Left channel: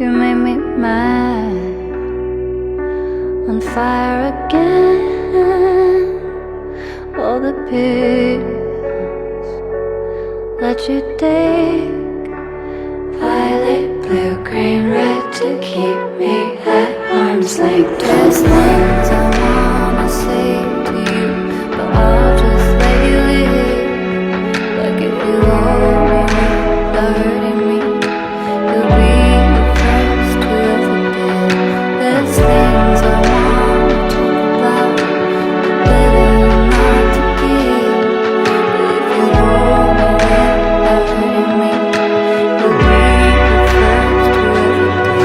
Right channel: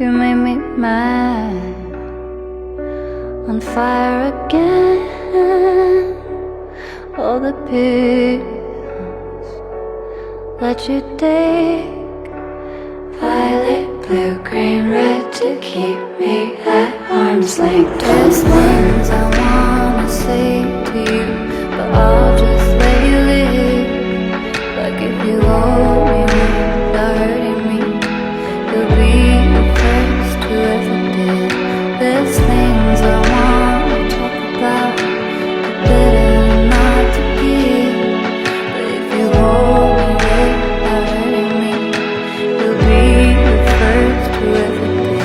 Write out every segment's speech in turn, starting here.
You made me mad, on fire again. All the pills let you take, violet, blue, green, red, to keep me at arm's length. There's things I wanna say to you, but I'll just let you live. Like if you hold me without hurting me, you'll be the first who ever did. There's things I wanna talk about, but better not to give. But if you hold me without hurting me, you'll be the first who ever did.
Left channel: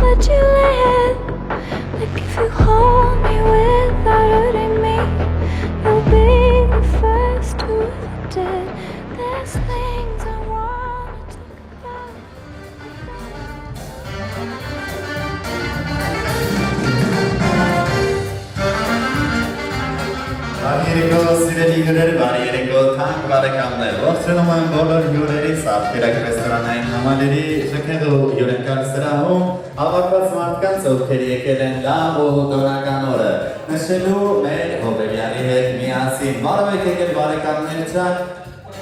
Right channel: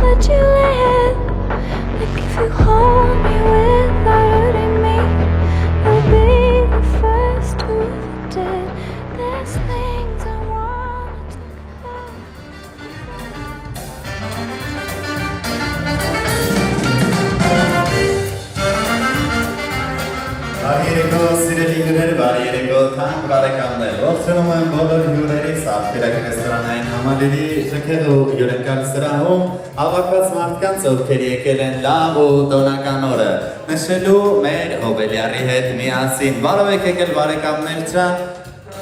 Let you live. Like if you hold me without hurting me, you'll be the first who ever did. There's things I wanna talk about. Բարերեկո սիրելի հյուրեր, բարերեկո թանկ բարեկամներ, ողջունում եմ բոլոր հյուրերից Աղբերակ ռեստորանային համալիրի շքեղու հյուրընկալ սրահում հավաքված մարդկանց, ովքեր եկել են լավ ու տոնական օրը նշելու մեր հոբելյարի հետ միասին։ Բարև եք եկել բարեկամներ ջան,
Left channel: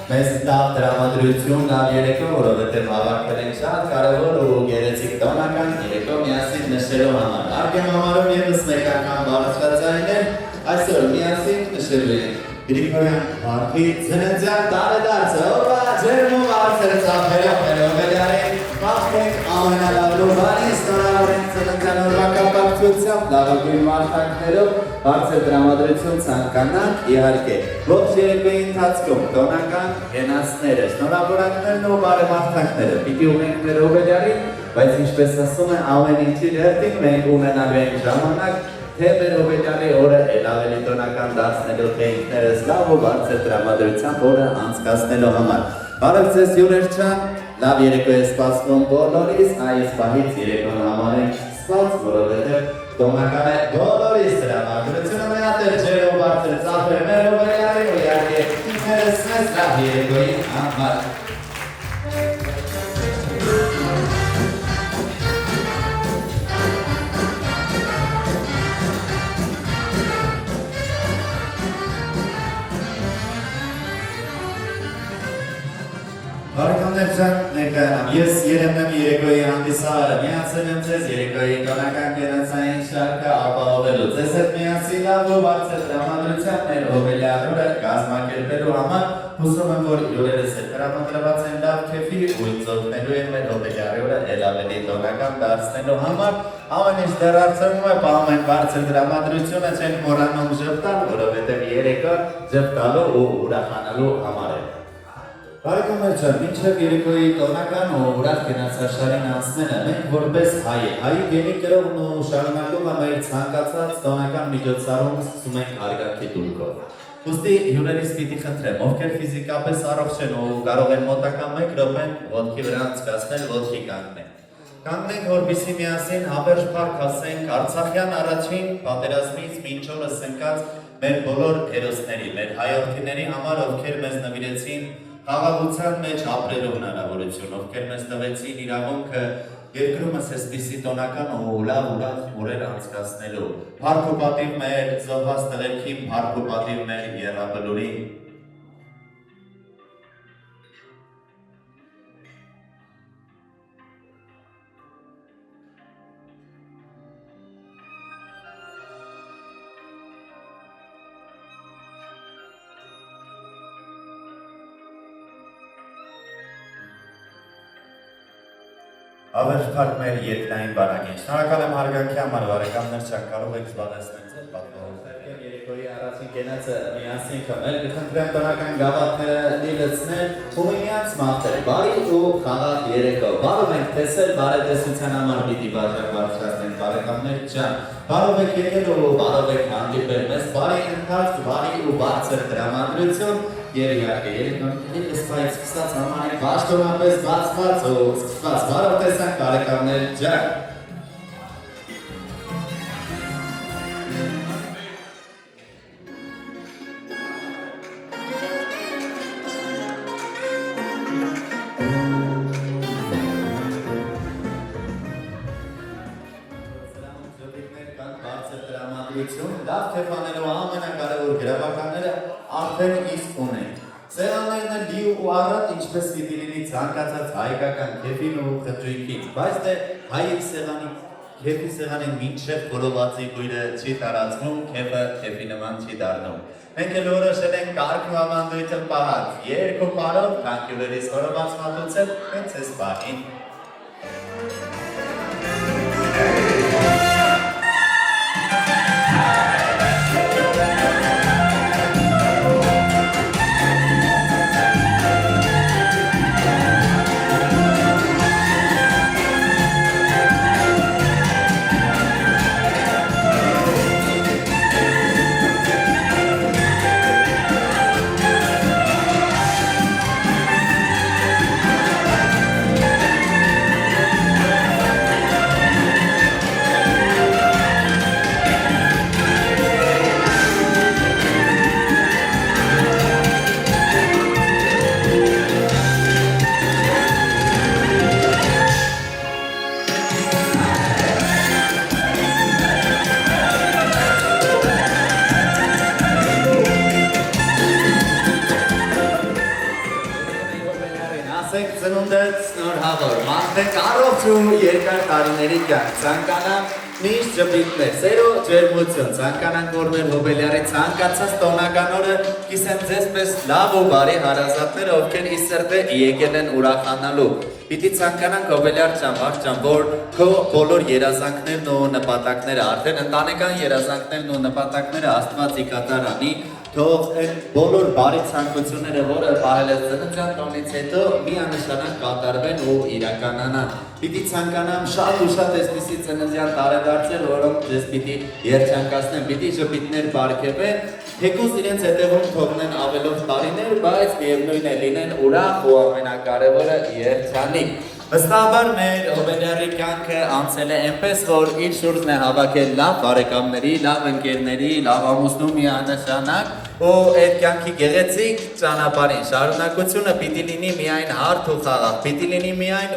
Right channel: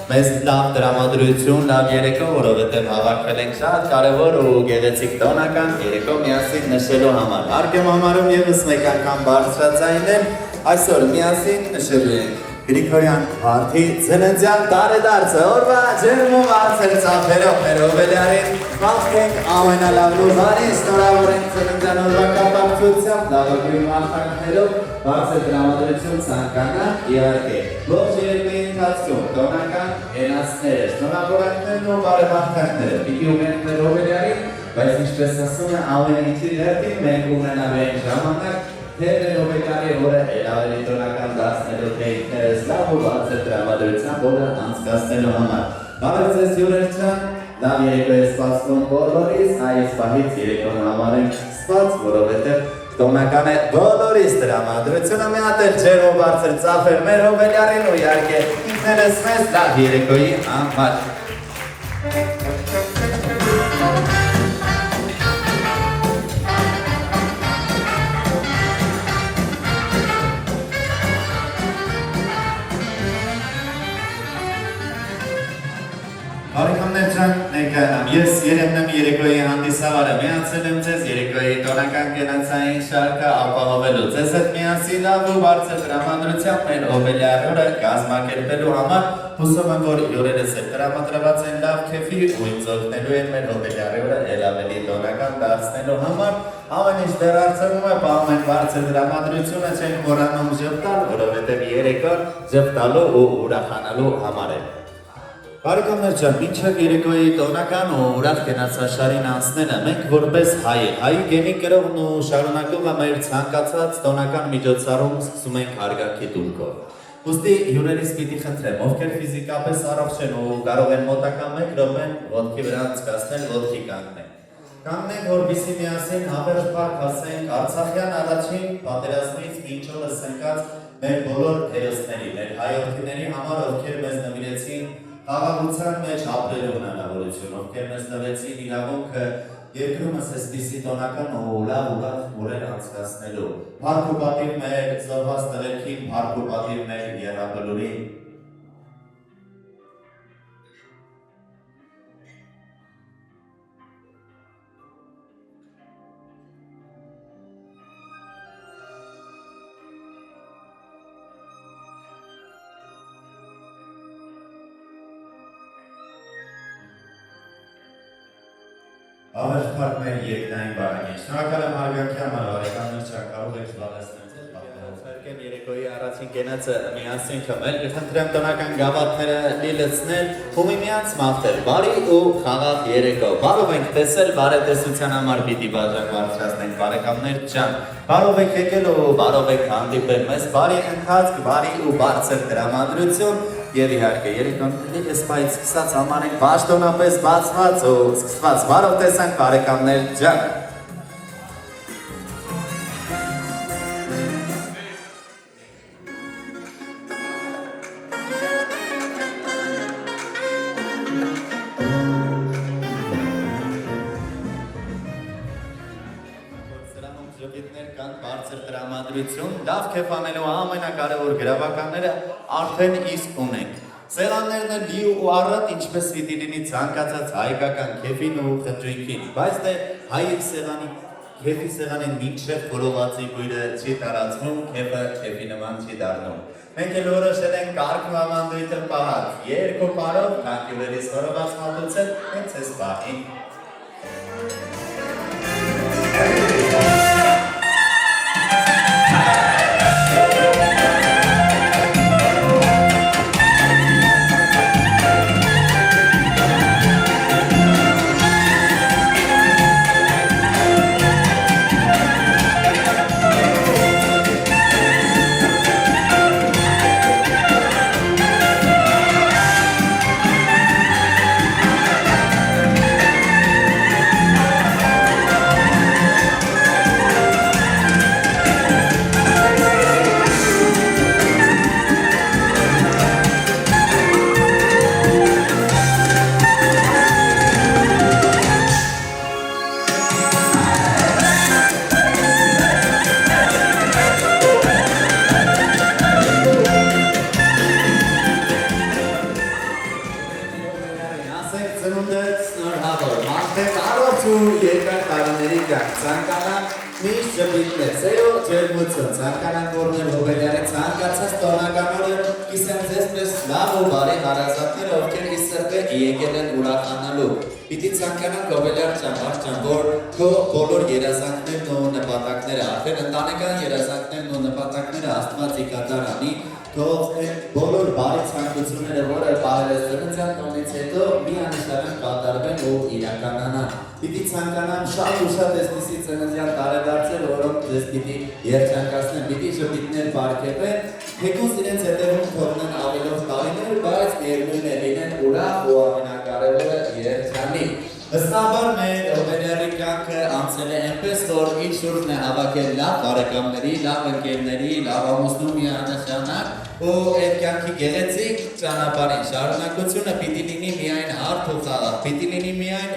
մեզ լավ տրամադրություն, լավ երեկո, որովհետև հավաքվել ենք շատ կարևոր ու գեղեցիկ տոնական երեկո միասին նշելու համար։ Հարկ եմ համարում ևս մեկ անգամ բարձրացնել այսօր միասին նշելու ենք Գրիգորյան Վարդի ծննդյան տարեդարձը, օրվա ջերմ ու բարձր ծափերով մեր հոբելյարին մաղթենք ամենալավն ու բարի, շնորհավորենք ծննդյան օրվա կապակցությամբ լավագույն մաղթանքներով բարձր տրամադրություն ցանկանանք իհարկե ողջ երեկոյի ընթացքում տոնական հենասները, շնորհավորանքներն ու բարեմաղթանքները պիտի ունենք մեր հոբելյարին, բայց ինչպես ասում է ամեն ինչի հերթին մենք ունենալու ենք ժամանակ թե մեր հոբելյարի օրը էլ ավելի տոնական դարձնելու, թե ինքներս լավ ու բարձր տրամադրությամբ օրը անցկացնելու համար։ Բարև ձեզ հյուրեր ջան, լավ երեկո է սպասվում բոլորիս, այս պահից երեկոն համարենք սպաց, որովհետև տոնական է բոլորիս տրամադրությունը մի հատ էլ ջեր ու բարձր ծափեր մեր հոբելյարին ու իհարկե ինքներս մեզ լավ երեկոյի համար։ Բարեկամներ ջան, ներկայանամ, ես Երեմն եմ երեկոյի հանդիսավարը, միացել եմ ձեզ երեկոյի տոնական կենացային շարքը ապահովելու, ձեզ հետ միասին լավ ու բարձր տրամադրությամբ մեր հոբելյար օրը կազմակերպելու համար, հուսում եմ, որ հյուրերս հետ տրամադրված են լավ քեֆի ու ինձ օգնելու են մեր հոբելյարի օրը էլ ավելի տոնական դարձնելու համար, ամեն ինչ դեռ արցնում է, պահում են բարձր տրամադրությունը չեն մոռանում ժպտալ, որովհետև երեկո ժպտալու ու ուրախանալու համար է։ Բարեկամներ ջան, մինչև երեկոյի տոնական ու ուրախ կենացաշարին անցնելը մենք որպես հայի գենի կրողն ու շարունակումը մեր ցանկացած տոնական միջոցառում սկսում ենք հարգանքի տունքով։ Ուստի հյուրերից պիտի խնդրեմ, ովքեր ֆիզիկապես առողջ են ու կարող են մոտակա 1 րոպեն ոտքի վրա անցկացնել, ոտքի կանգնեն։ Կանգնենք, որպեսզի միասին հավերժ փառք ասենք Արցախյան առաջին պատերազմից մինչ օրս ընկած մեր բոլոր հերոսների, մեր հայրենիների համար, ովքեր մեզ նվիրեցին խաղաղության մեջ ապրելու հնարավորություն, ովքեր մեզ տվեցին իրավունքը երկրումս այսպիսի տոնական ու լավ օրեր անցկացնելու։ Փառք ու պատիվ մեր զոհված տղերքին, փառք ու պատիվ մեր եռաբլուրին։ Ավերջ փառք մեր երկնային բանալին։ Շնորհակալ եմ հարգանքի համար, բարեկամներ, շատ կարող եք զբաղեցնել ձեր պատմողը։ Կրկին երեկոյի առաջին կենացը միասին խմել, կխնդրեմ տնական գավաթները լիլցնել ու միմյանց մաղթել, բարի ու խաղաղ երեկո։ Բարով ենք տեսել, բարետեսության համար պիտի բաժան բարձրացնենք բարեկամներ ջան։ Բարով եք եկել ու բարով եք հանդիպել մեզ, բարի ընթացք, բարի ու բարձր տրամադրություն եւ իհարկե երեկոների սպայից սկսած համարենք պաշտոնապես բացված ու սկսված։ Բարով տեսանք բարեկամներ ջան։ Լավ քեֆ անելու ամենակարևոր գրավականները արդեն իսկ ունենք։ Սեղաններն լի ու առատ ինչպես պիտի լինի ցանկացած հայկական քեֆին ու խճույքին, բայց դե քեֆի սեղանին մինչև խորովածի բույրը չի տարածվում, քեֆը քեֆի նման չի դառնում։ Մենք էլ որոշել ենք կարգ ու ավանդույթը պահած, երկու պարով թանկյուրերից խորոված մատուցել հենց այս պահին։ Երկար տարիների կյանք, ցանկանան միշտ ժպիտներ, սեր ու ջերմություն, ցանկանան կորներ հոբելյարի ցանկացած տոնական օրը կիսեմ ձեզ պես լավ ու բարի հարազատներ, ովքեր ի սրտե եկել են ուրախանալու։ Պիտի ցանկանանք հոբելյար ջան, որ քո բոլոր երազանքներն ու նպատակները, արդեն ընտանեկան երազանքներն ու նպատակները Աստված ի կատար անի, թող այն բոլոր բարի ցանկությունները, որը պահել ես ծննդյան տոնից հետո միանշանակ կատարվեն ու իրականանան։ Պիտի ցանկանամ շատ ու շատ այսպիսի ծննդյան տարեդարձեր, որոնք ձեզ պիտի երջանկացնեն, պիտի ժպիտներ պարգևեն, թեկուզ իրենց հետևում թողնեն ավելով տարիներ, բայց միևնույն է լինեն ուրախ ու ամենակարևորը երջանիկ։ Վստահաբար մեր հոբելյարի կյանքը անցել է այնպես, որ իր շուրջն է հավաքել լավ բարեկամների, լավ ընկերների, լավ ամուսնու միանշանակ ու այդ կյանքի գեղեցիկ ճանապարհին շարունակությունը պիտի լինի միայն հարթ ու խաղաղ, պիտի լինի միայն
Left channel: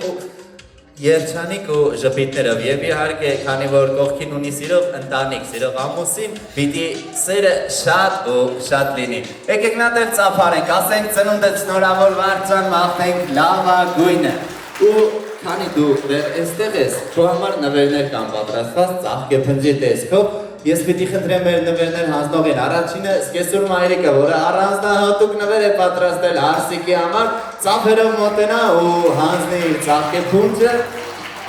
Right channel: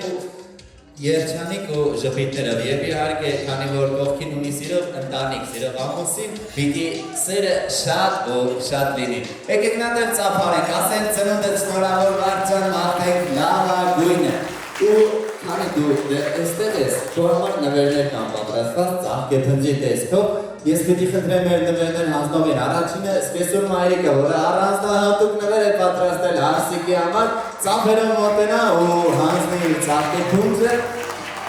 երջանիկ ու ժպիտներով եւ իհարկե քանի որ կողքին ունի սիրող ընտանիք, սիրող ամուսին, պիտի սերը շատ ու շատ լինի։ Եկեք նա դեռ ծափարենք, ասենք ծնունդը շնորհավոր վարձան մաղթենք լավագույնը։ Ու քանի դու այստեղ ես, քո համար նվերներ կան պատրաստված ծաղկեփնջի տեսքով, ես պիտի խնդրեմ մեր նվերներ հանձնողին առաջինը սկեսուր մայրիկը, որը առանձնահատուկ նվեր է պատրաստել Արսիկի համար, ծափերով մոտենա ու հանձնի ծաղկեփունջը,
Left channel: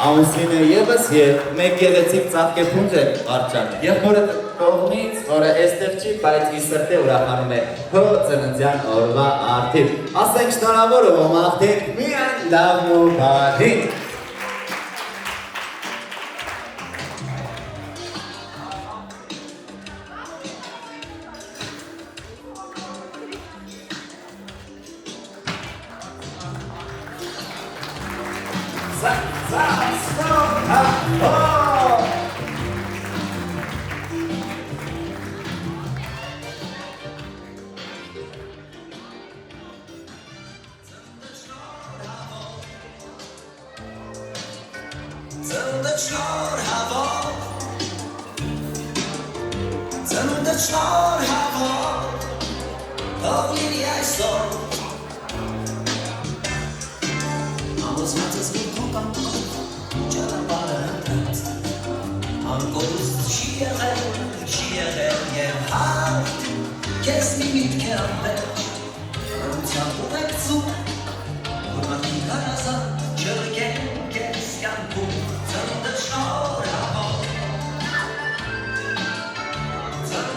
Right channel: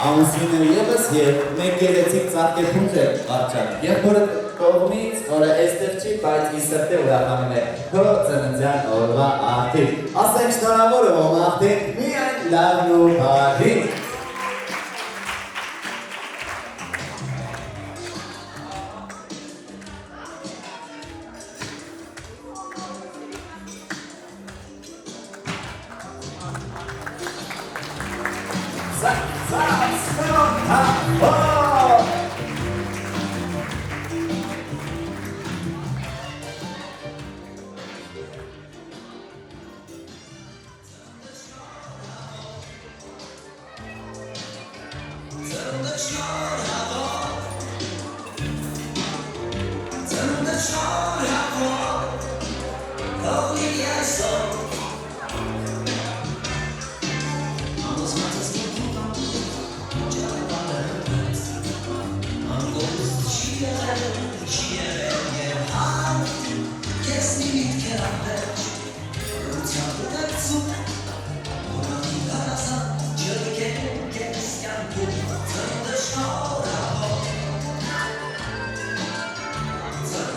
ամուսինը ևս եւ մեկ գեղեցիկ ծաղկեփունջ է արճակ։ Եղբորը կողմից, որը այստեղ չի, բայց իր սրտե ուրախանում է քո ծննդյան օրվա արդիվ։ Ասենք շնորհավոր ու մաղթենք միայն լավն ու բարին։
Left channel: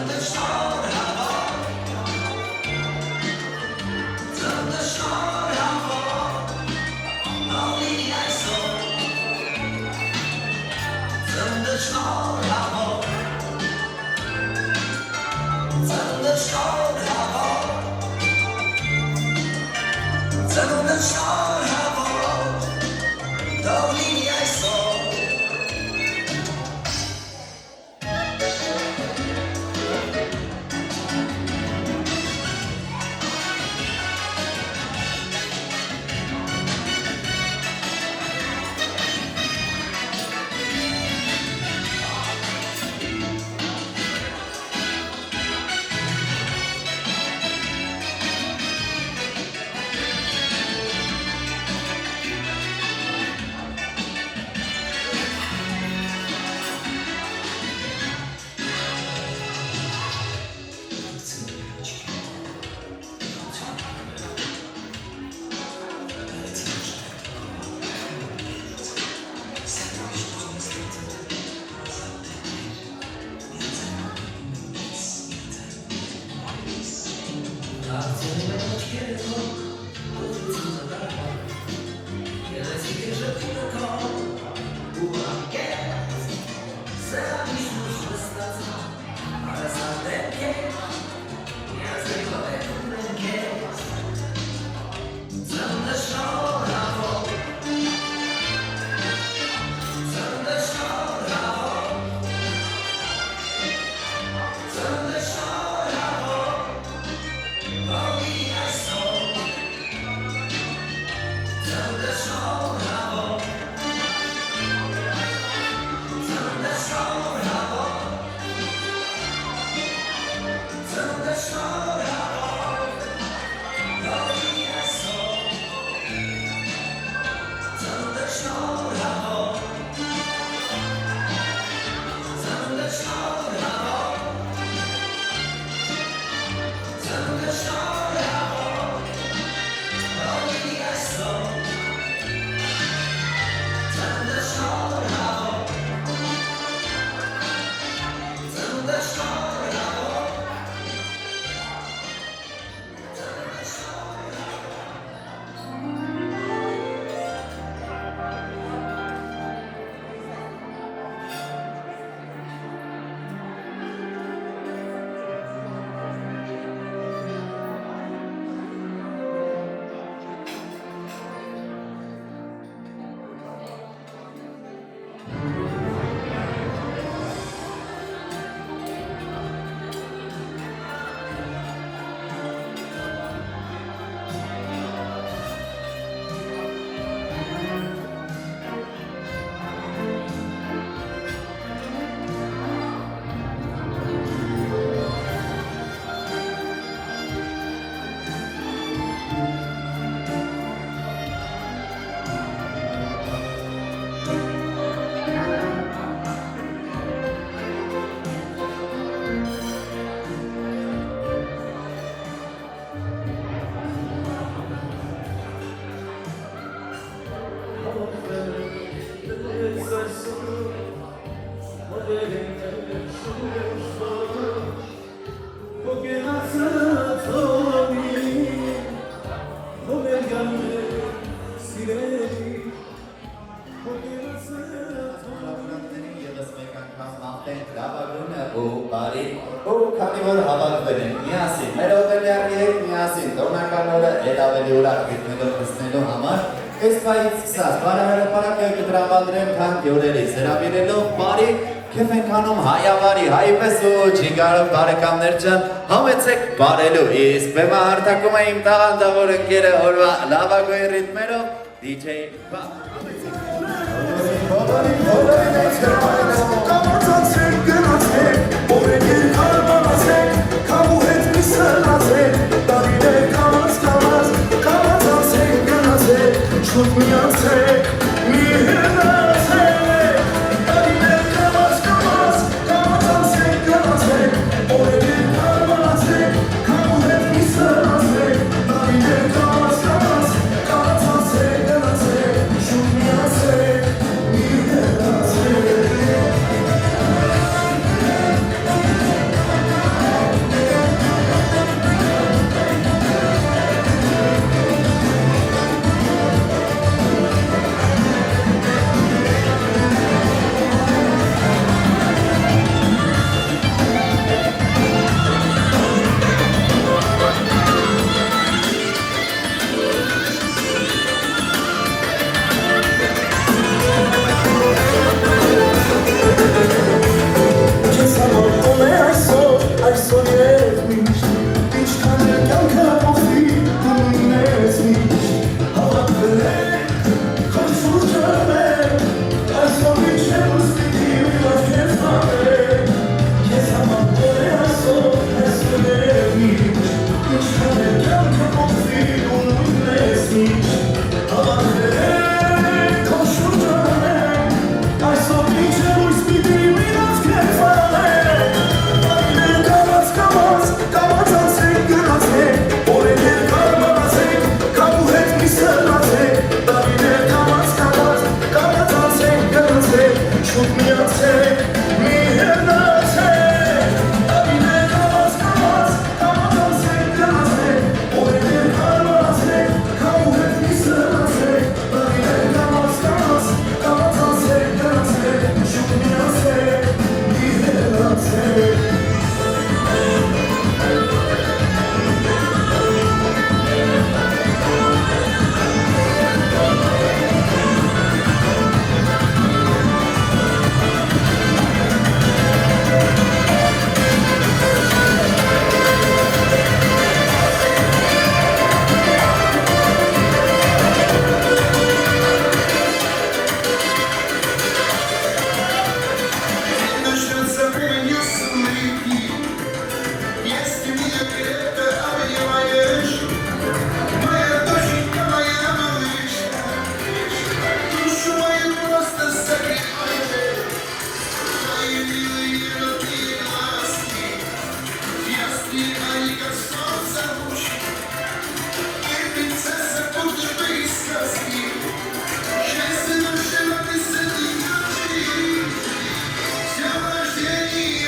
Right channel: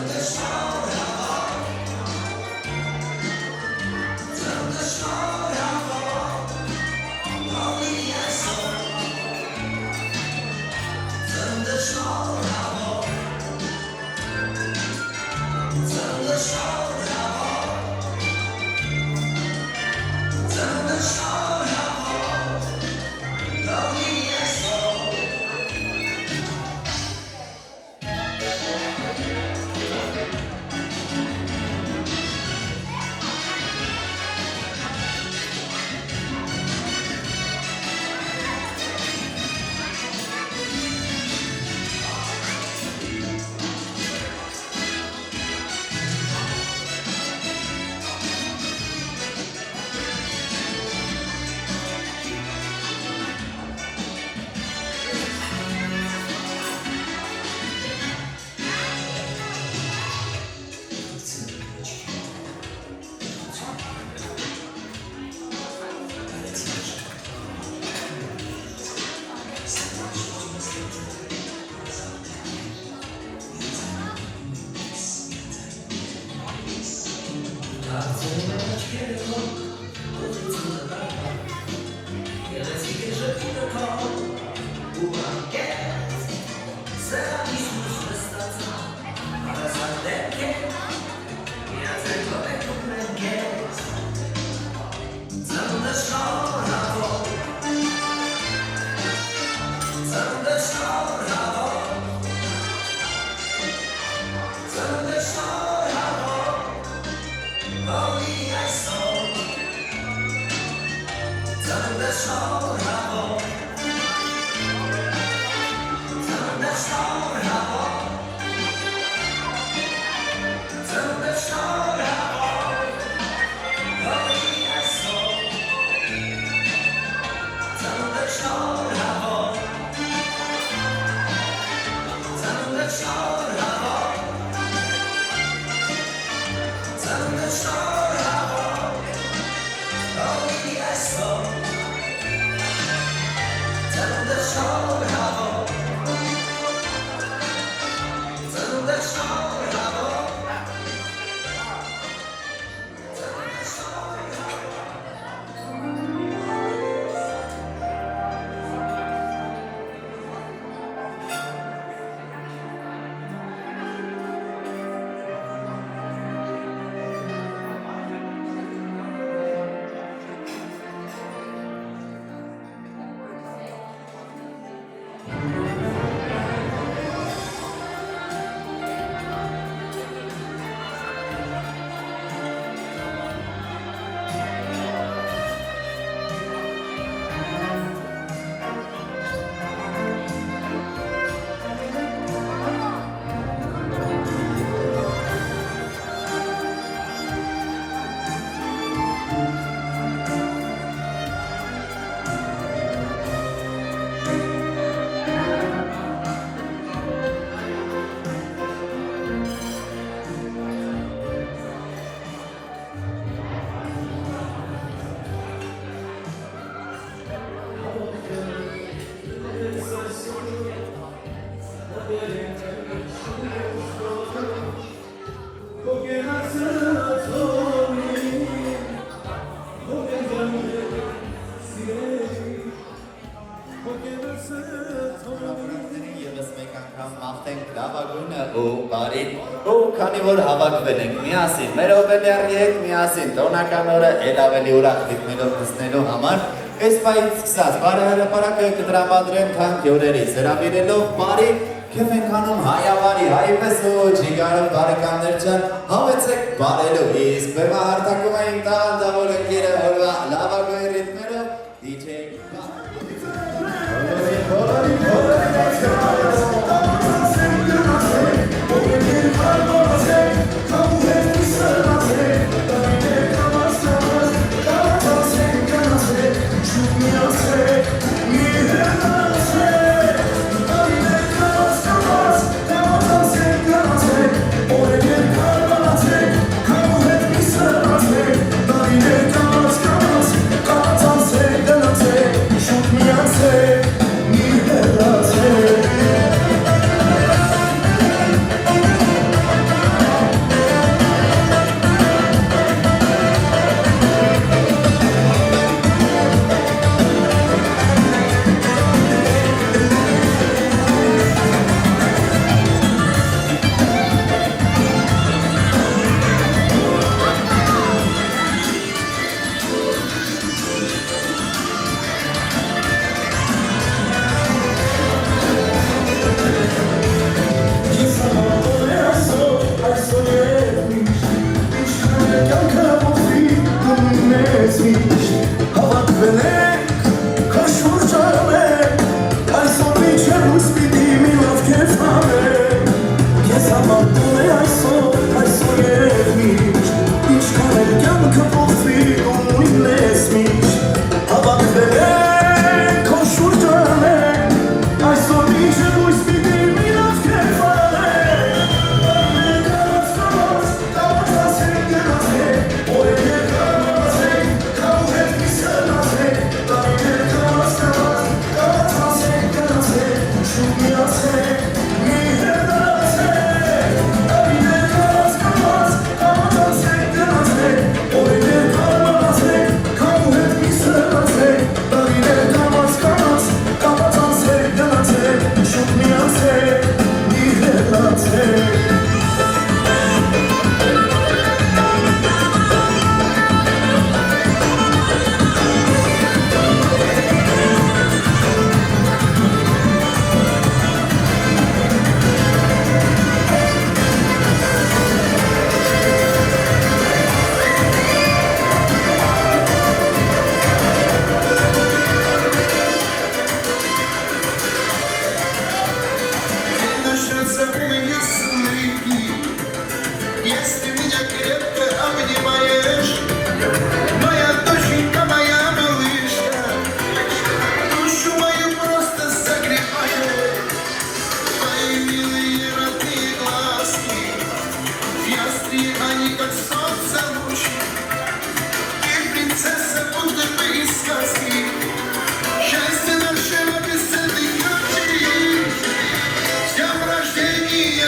The Քանի որ հավաքվել ենք միասին, մեր օպերների հետ միասին, տոնական օրը էլ ավելի ուրախ գտնելով տեսնելու համար, այս պահից սկսած բարեհրապարակը կտրամադրեմ թանկ հյուրերից, հրավիրելով բարի քեֆ ենք անում հայավարի, հայպես ու ջիգարով բարեկամներ ջան, համեցեք բարելու, իսկ բեմա հարթակում է իմ տաղանդավոր ընկերը օրվա լավագույն ռիթմերով DJ Come С днем рождения,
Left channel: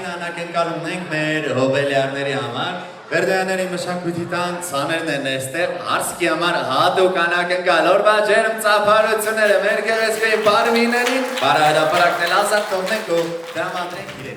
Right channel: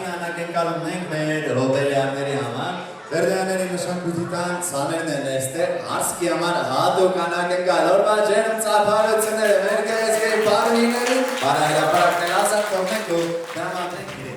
Առաջին անակնկալումն ենք մեր հոբելյարների համար։ Վերդոյանների մշակույթի տան ցաներն են այստեղ, Արսկի համար հատուկ անակնկալ, օրվա ջերմ ծափարությունները մեր գեղեցկի բարմիներին, բարահրապարակն էլ ազատ թողնենք ու դրամատրենք իրենց։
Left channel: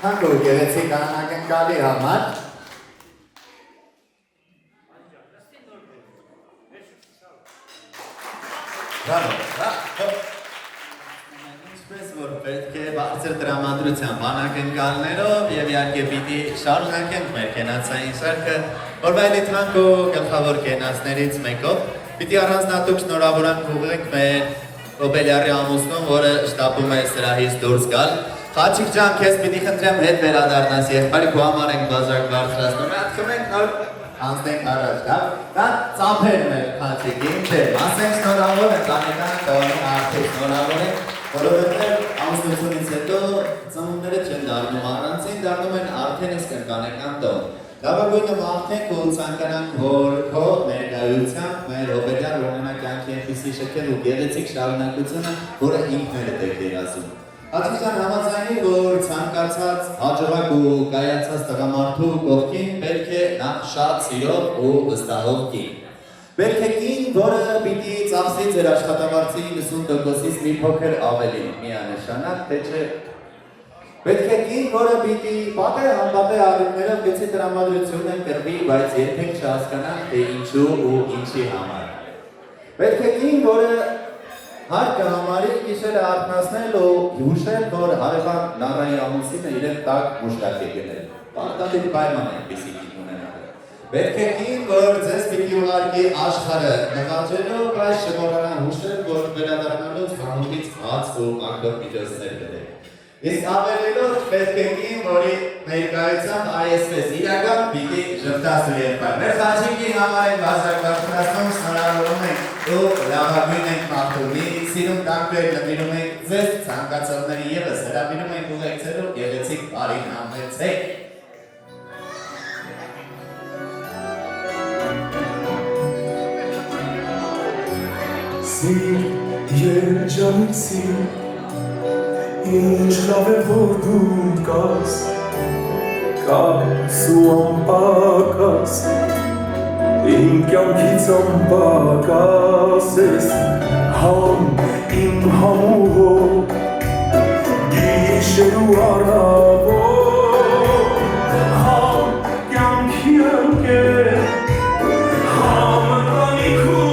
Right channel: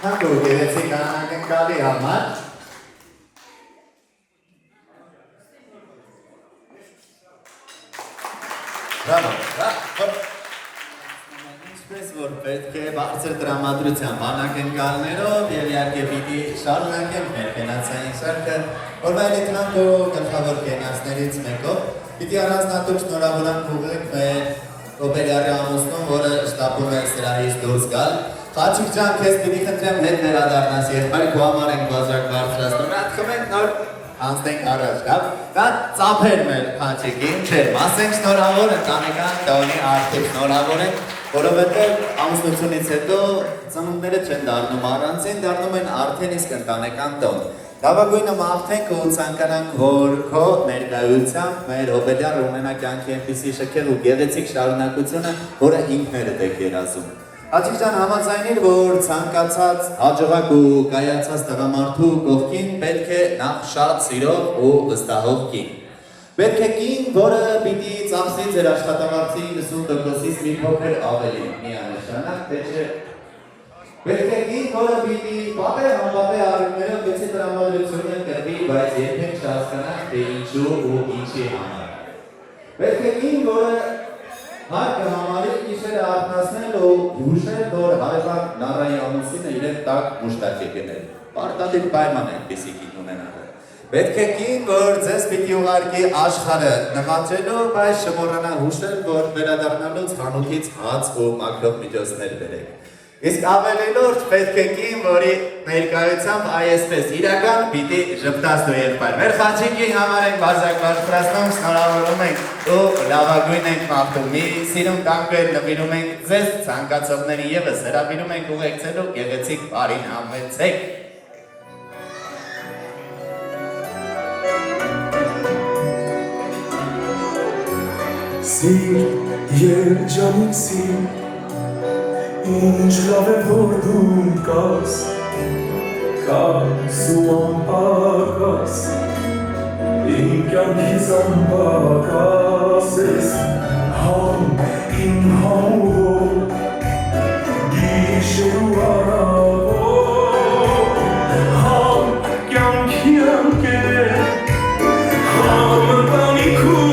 Հանդու գեղեցիկ անակնկալի համար Ինչպես որ պետք է բարձր տրամադրությամբ անակնկալներով և իհարկե պիտի շարունակենք մեր կենացային շարքը օրվա էլիտրանք ու գլխավոր կենացներից մեկով պիտի առանձնատուկ շնորհավորանք ուղղենք մեր հոբելյարի ամուսնուն, որը շտապում է սրահից դուրս գալ Խաչիկ ջան, քեզ պիտի խնդրեմ հետ վերադառնաս եղբայրի քո համար ենք բաժակ բարձրացնում, հատքում ենք նոր անցնենք առաջ, լավ։ Դա ծափեր մեր Խաչիկին, չէ, ասենք շնորհավոր ընտանեկան տոնի արդեն շնորհավոր ենք, որովհետև ամուսնությունից հետո ծնունդները չեն դառնում առանցին, դառնում են արդեն իսկ ընտանեկան տոն։ Լավագույնը մաղթենք ու ցանկանանք, որ քո ներկայությամբ մեր հոբելյարը ունենա կյանքի այնպիսի շքեղ ու գեղեցիկ շարունակությունը, որը ինքներդ եք երազում։ Աթիժան համաձայնիր, որ ցանկացած հաջողակ ու կայացած տղամարդու կողքին պետք է նախ շատ սիրող ու վստահող կին։ Պետք է կին, որը պիտի ծախսի ձեր աշխատավարձի 90%-ից մի փոքր ավելի, միանշանակ, թե չէ։ Պետք է կին, որը պիտի պատե անպատե առիվներով գեցի տրամադրություն ընտրվի, բայց երբեք չհասկանանք, թե ինչու ու ինչի համար։ Պետք է կին, որը հարկը համարի գիշերը արթնացնել ու հուշել, որ հարևան Նարայի ամուսինը իրեն տակ մուշտակ է գնել։ Պարտադիր պայման է այդպիսի կին ունենալը։ Պետք է կին, որ ձեզ պիտի ուղարկի աշխարհը նվաճելու, բայց չմոռանա հուշել, որ վերադառնալուց խանութից հաց ու մաքրող միջոցներ բերեք։ Իսկ ավելի լուրջ պետք է կին, որի ներկայությամբ այսպես իրական պիտի ժպտացնու եղբայր։ Մեր խաչիկի համար ենք բաժակ բարձրացնում, շնորհավորում ենք ու լավագույն ենք մաղթում։ Մի սիրուն կանգեր նվիրում ենք ձեզ, ցանկացողների ևս հրավիրում ենք ուղեկցելու գեղեցիկ բարին համեցեք։ Սիր, երջանիկ սիր, ինչ լավ է որ դու կաս, կաս ու անպակաս, իմ կյանքից անպակաս ես, համ իմ համուհով, գիշեր ու առավոտ, համ կյանքի ընկեր, համ ընտանիքուս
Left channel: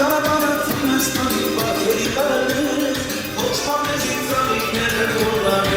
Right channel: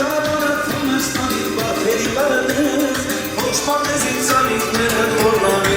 Ճանապարհը թիմս տանի բաթերի կարանես, ոչ պարնես ինձ անիքները կորնան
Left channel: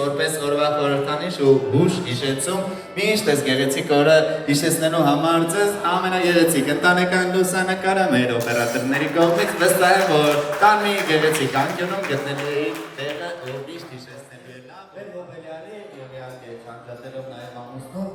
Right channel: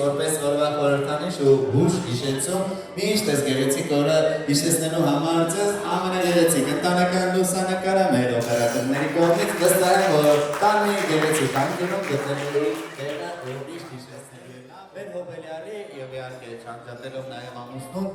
Որպես օրվա խորհրդանիշ ու հուշ հիշեցում, միշտ այս գեղեցիկ օրը հիշեցնելու համար ձեզ ամենագեղեցիկ ընտանեկան լուսանկարը մեր օպերատորների կողմից վստահ եմ, որ կան մի գեղեցիկ անկյունում գտնելու տեղը միշտ հիշեցնելու մեր հոբելյարի եւ իհարկե չանցատելով նաեւ ամուսնուն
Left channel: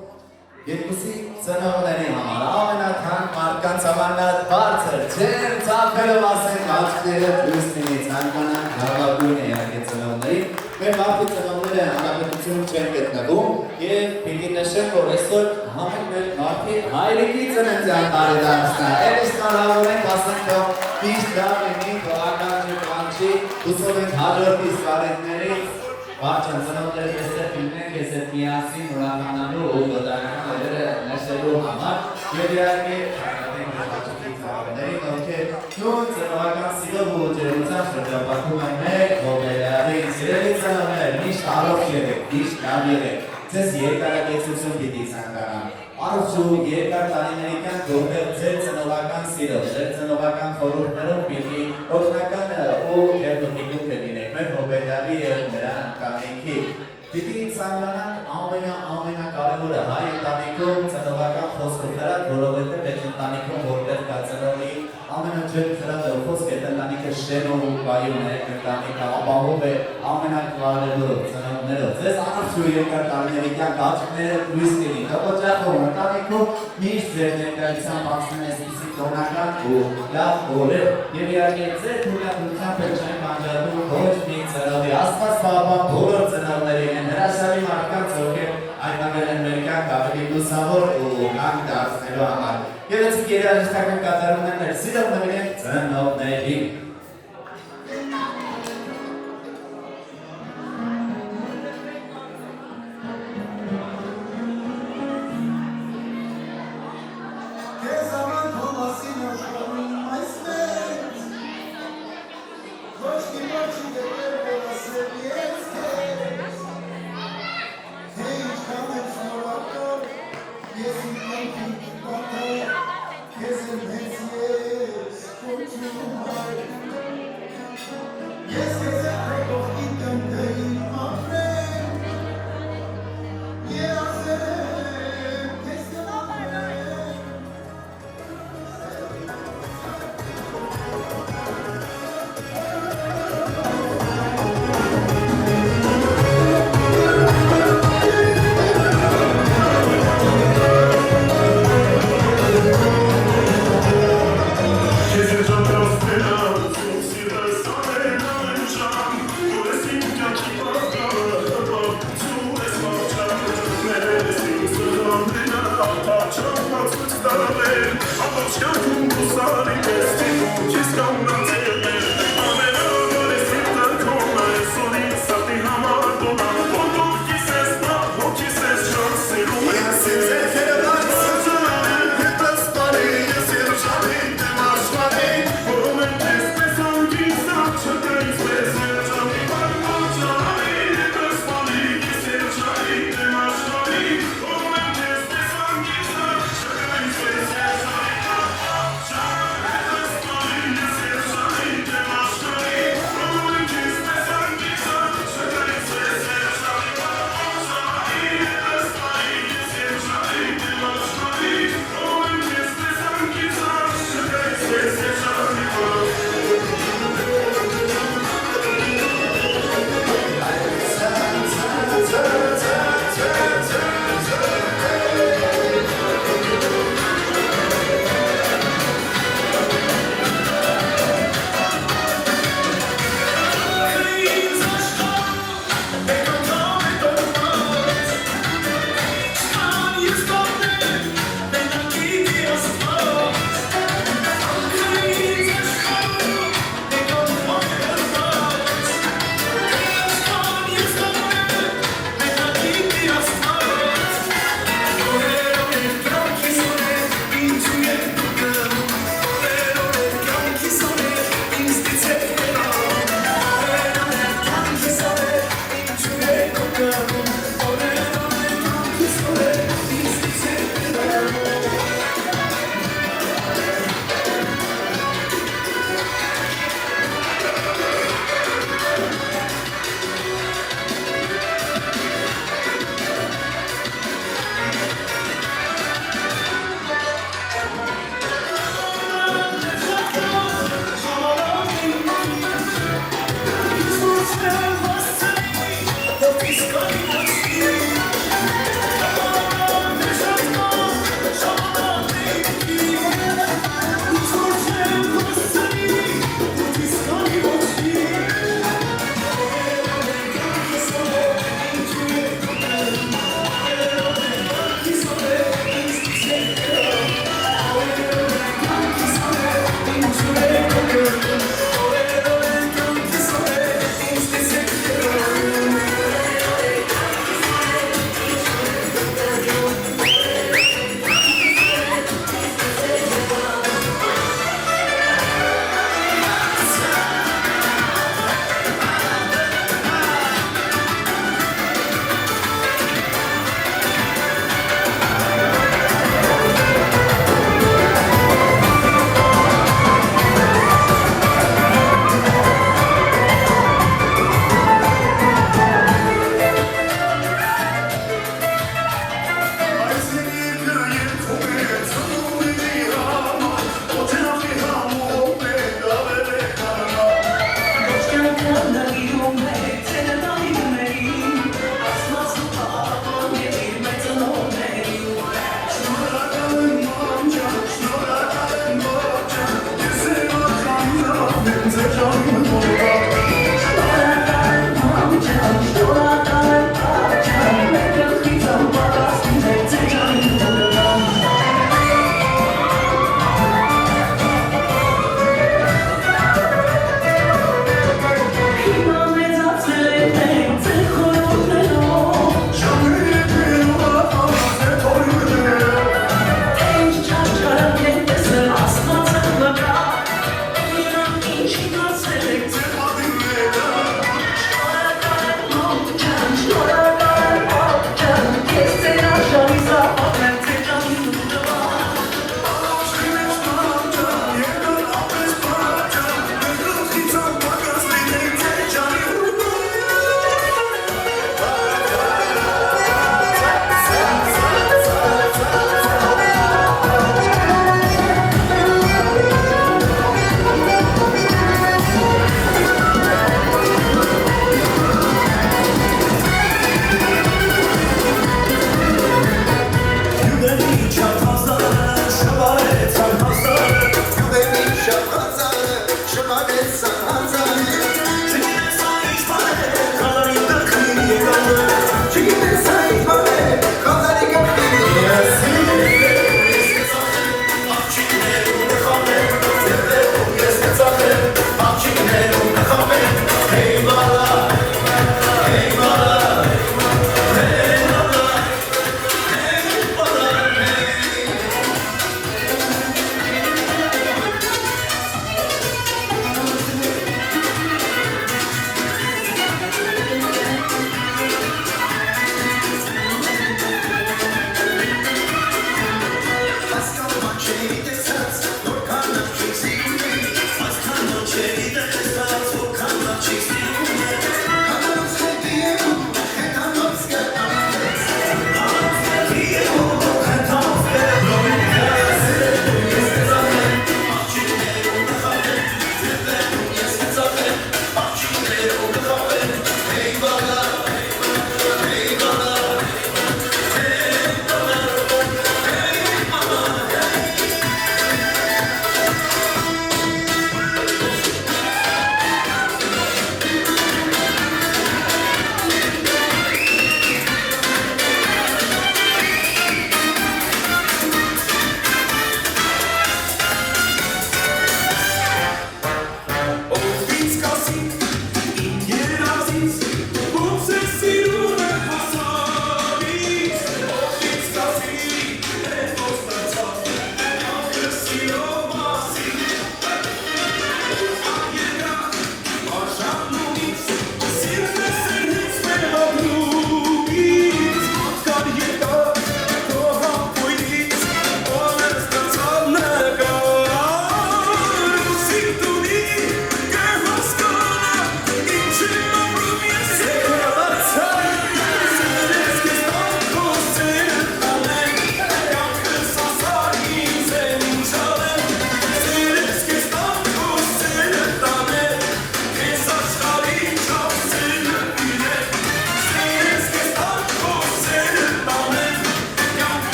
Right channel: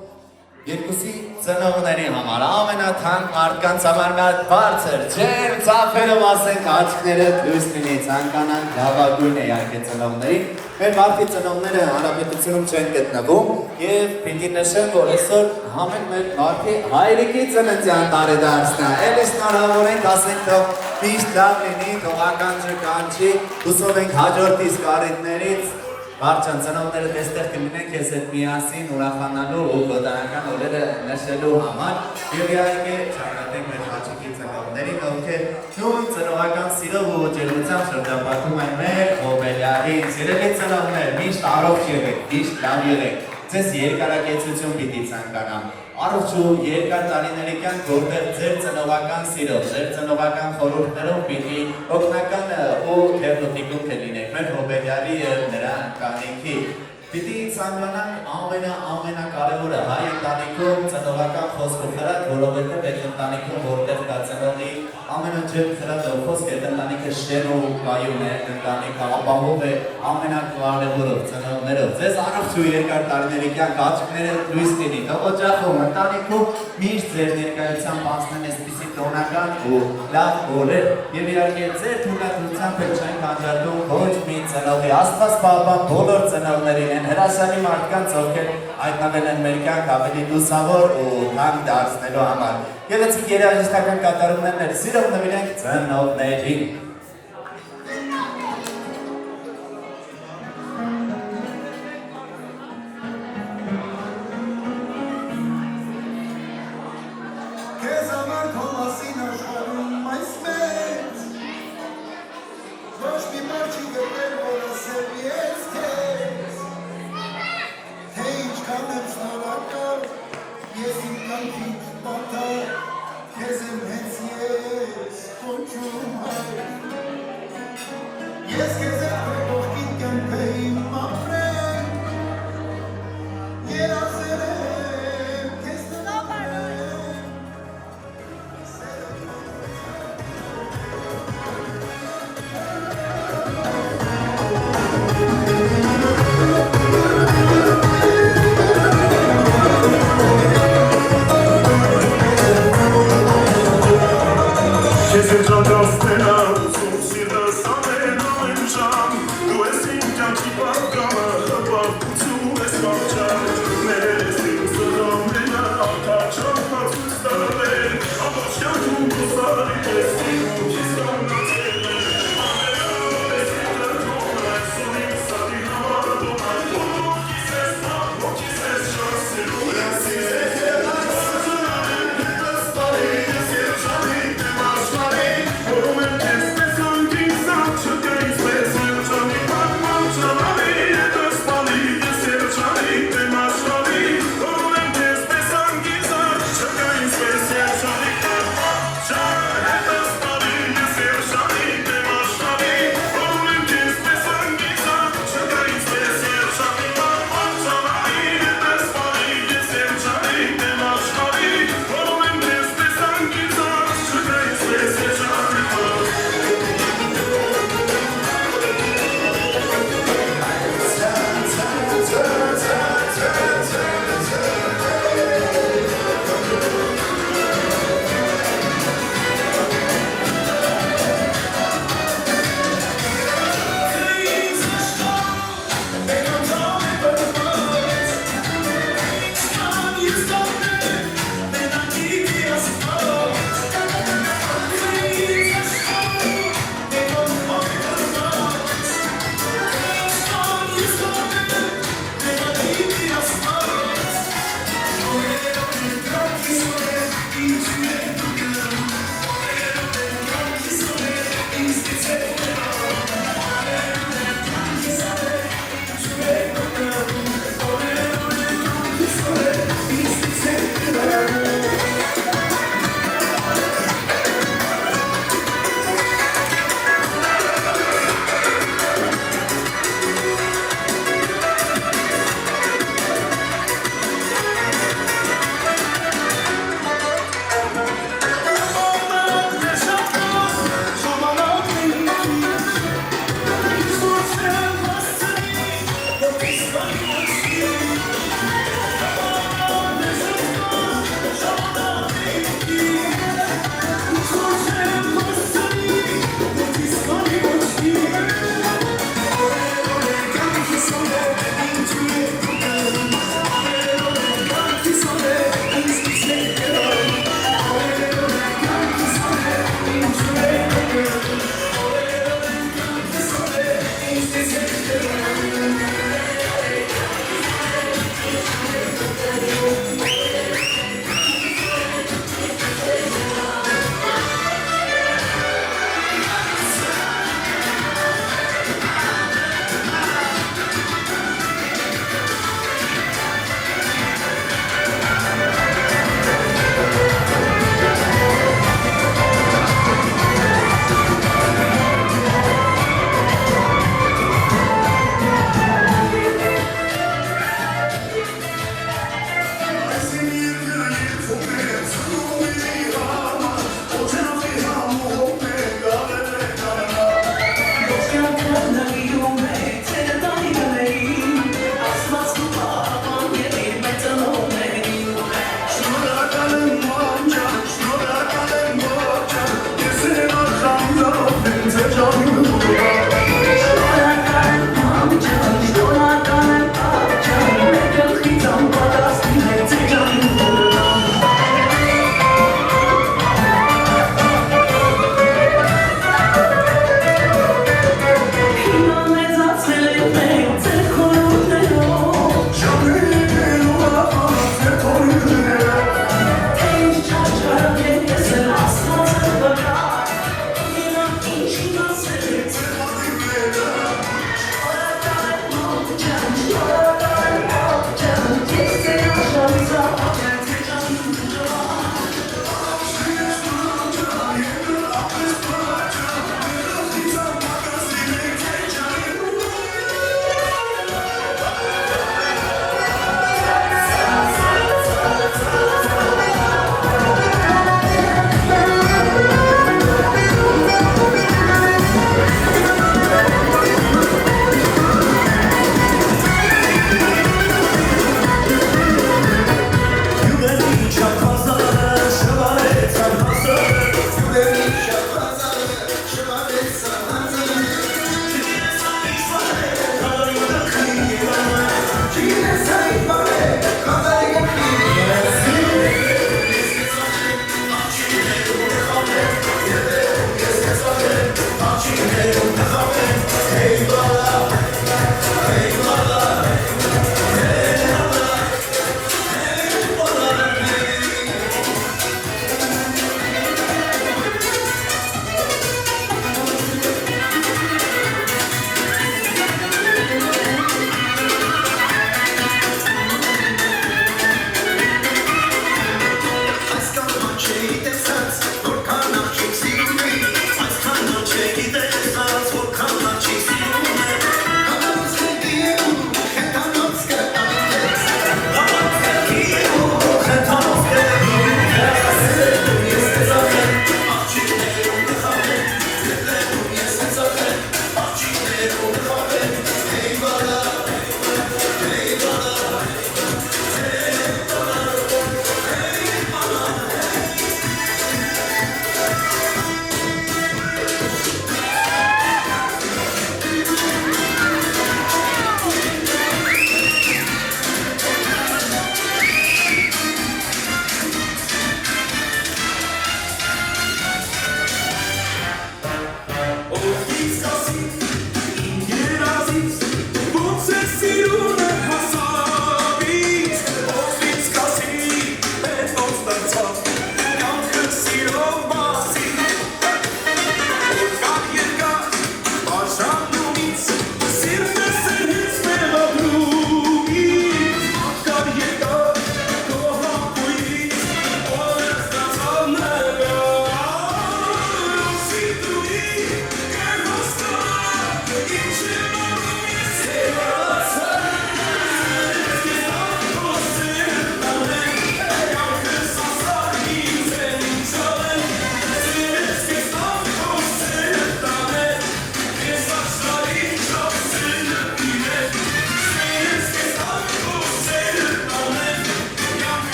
երկուսի ծնողների համար ամենաթանկ մարդկանց համար նա բարձր ջերմ ծափերով ասենք աչքները դուրս լինի ցանկանան լավագույն իհարկե ծնողներին մեր մարդի ծնողները հանրապետություն չեն գտնվում եւ պիտի նշեմ որ այսօր համեն մեր մարդի հայրիկի ծննդյան տարեդարձն է ելս հնարավոր ենք ասենք թող միշտ լավ լինի թող ականջը կանչի հուսով ենք հաջորդ իսկ տարիներից Բարչան ծնողները այստեղ կլինեն քեզ հետ միասին ուրախանալու ու գոդրանական օրերը նշելու համար եւ իհարկե չայնատենք մեր հաջորդի ծնողներին ովքեր նույն ծնողական սիրով ու ջերմությամբ շրջապատում են մեր հոբելյարին սիրելի ծնողներ միշտ առողջ եղեք միշտ լավ եղեք ձեզ երկարակեցություն պիտի ցանկանամ առողջ ու երկար տարիների կյանք որտեղ ձեր ծնողական սիրով ձեր ծնողական խորհուրդներով պիտի օգնական ու թերթիկում կլինեք մեր հոբելյարի եւ նրա ընտանիքի Պիտի ցանկանանք ամենակարևորը հայ ընտանիքում ծնողական խոսքը խրատ, որովհետև այդ ընտանիքում որտեղ կա ծնողի ամենաջերմ խրատը խոսք այդ ընտանիքը շեն ու կայուն է, ընտանիքը ապահով է ամենակարևորով ծնողներով։ Ձեզ առողջ ու երկար տարիների կյանք աչքները լույս կլինի, օջախում ընտանիքում միշտ ձեր ներկայությամբ անցնեն այսպիսի տոնական ու լավ օրեր եւ իհարկե ձեր թույլատվությամբ չեն անջատում ոչ մի ծնողի Աստված պահապան բոլոր ծնողներին հրաշալի մարդկանց ովքեր հայտնվել են մեր կյանք ավելի լուսավոր ու լավ դարձնելու համար։ Գեղեցիկ երաժշտական կատարումներ սիրով նվիրենք ծնողներին։ Thank you.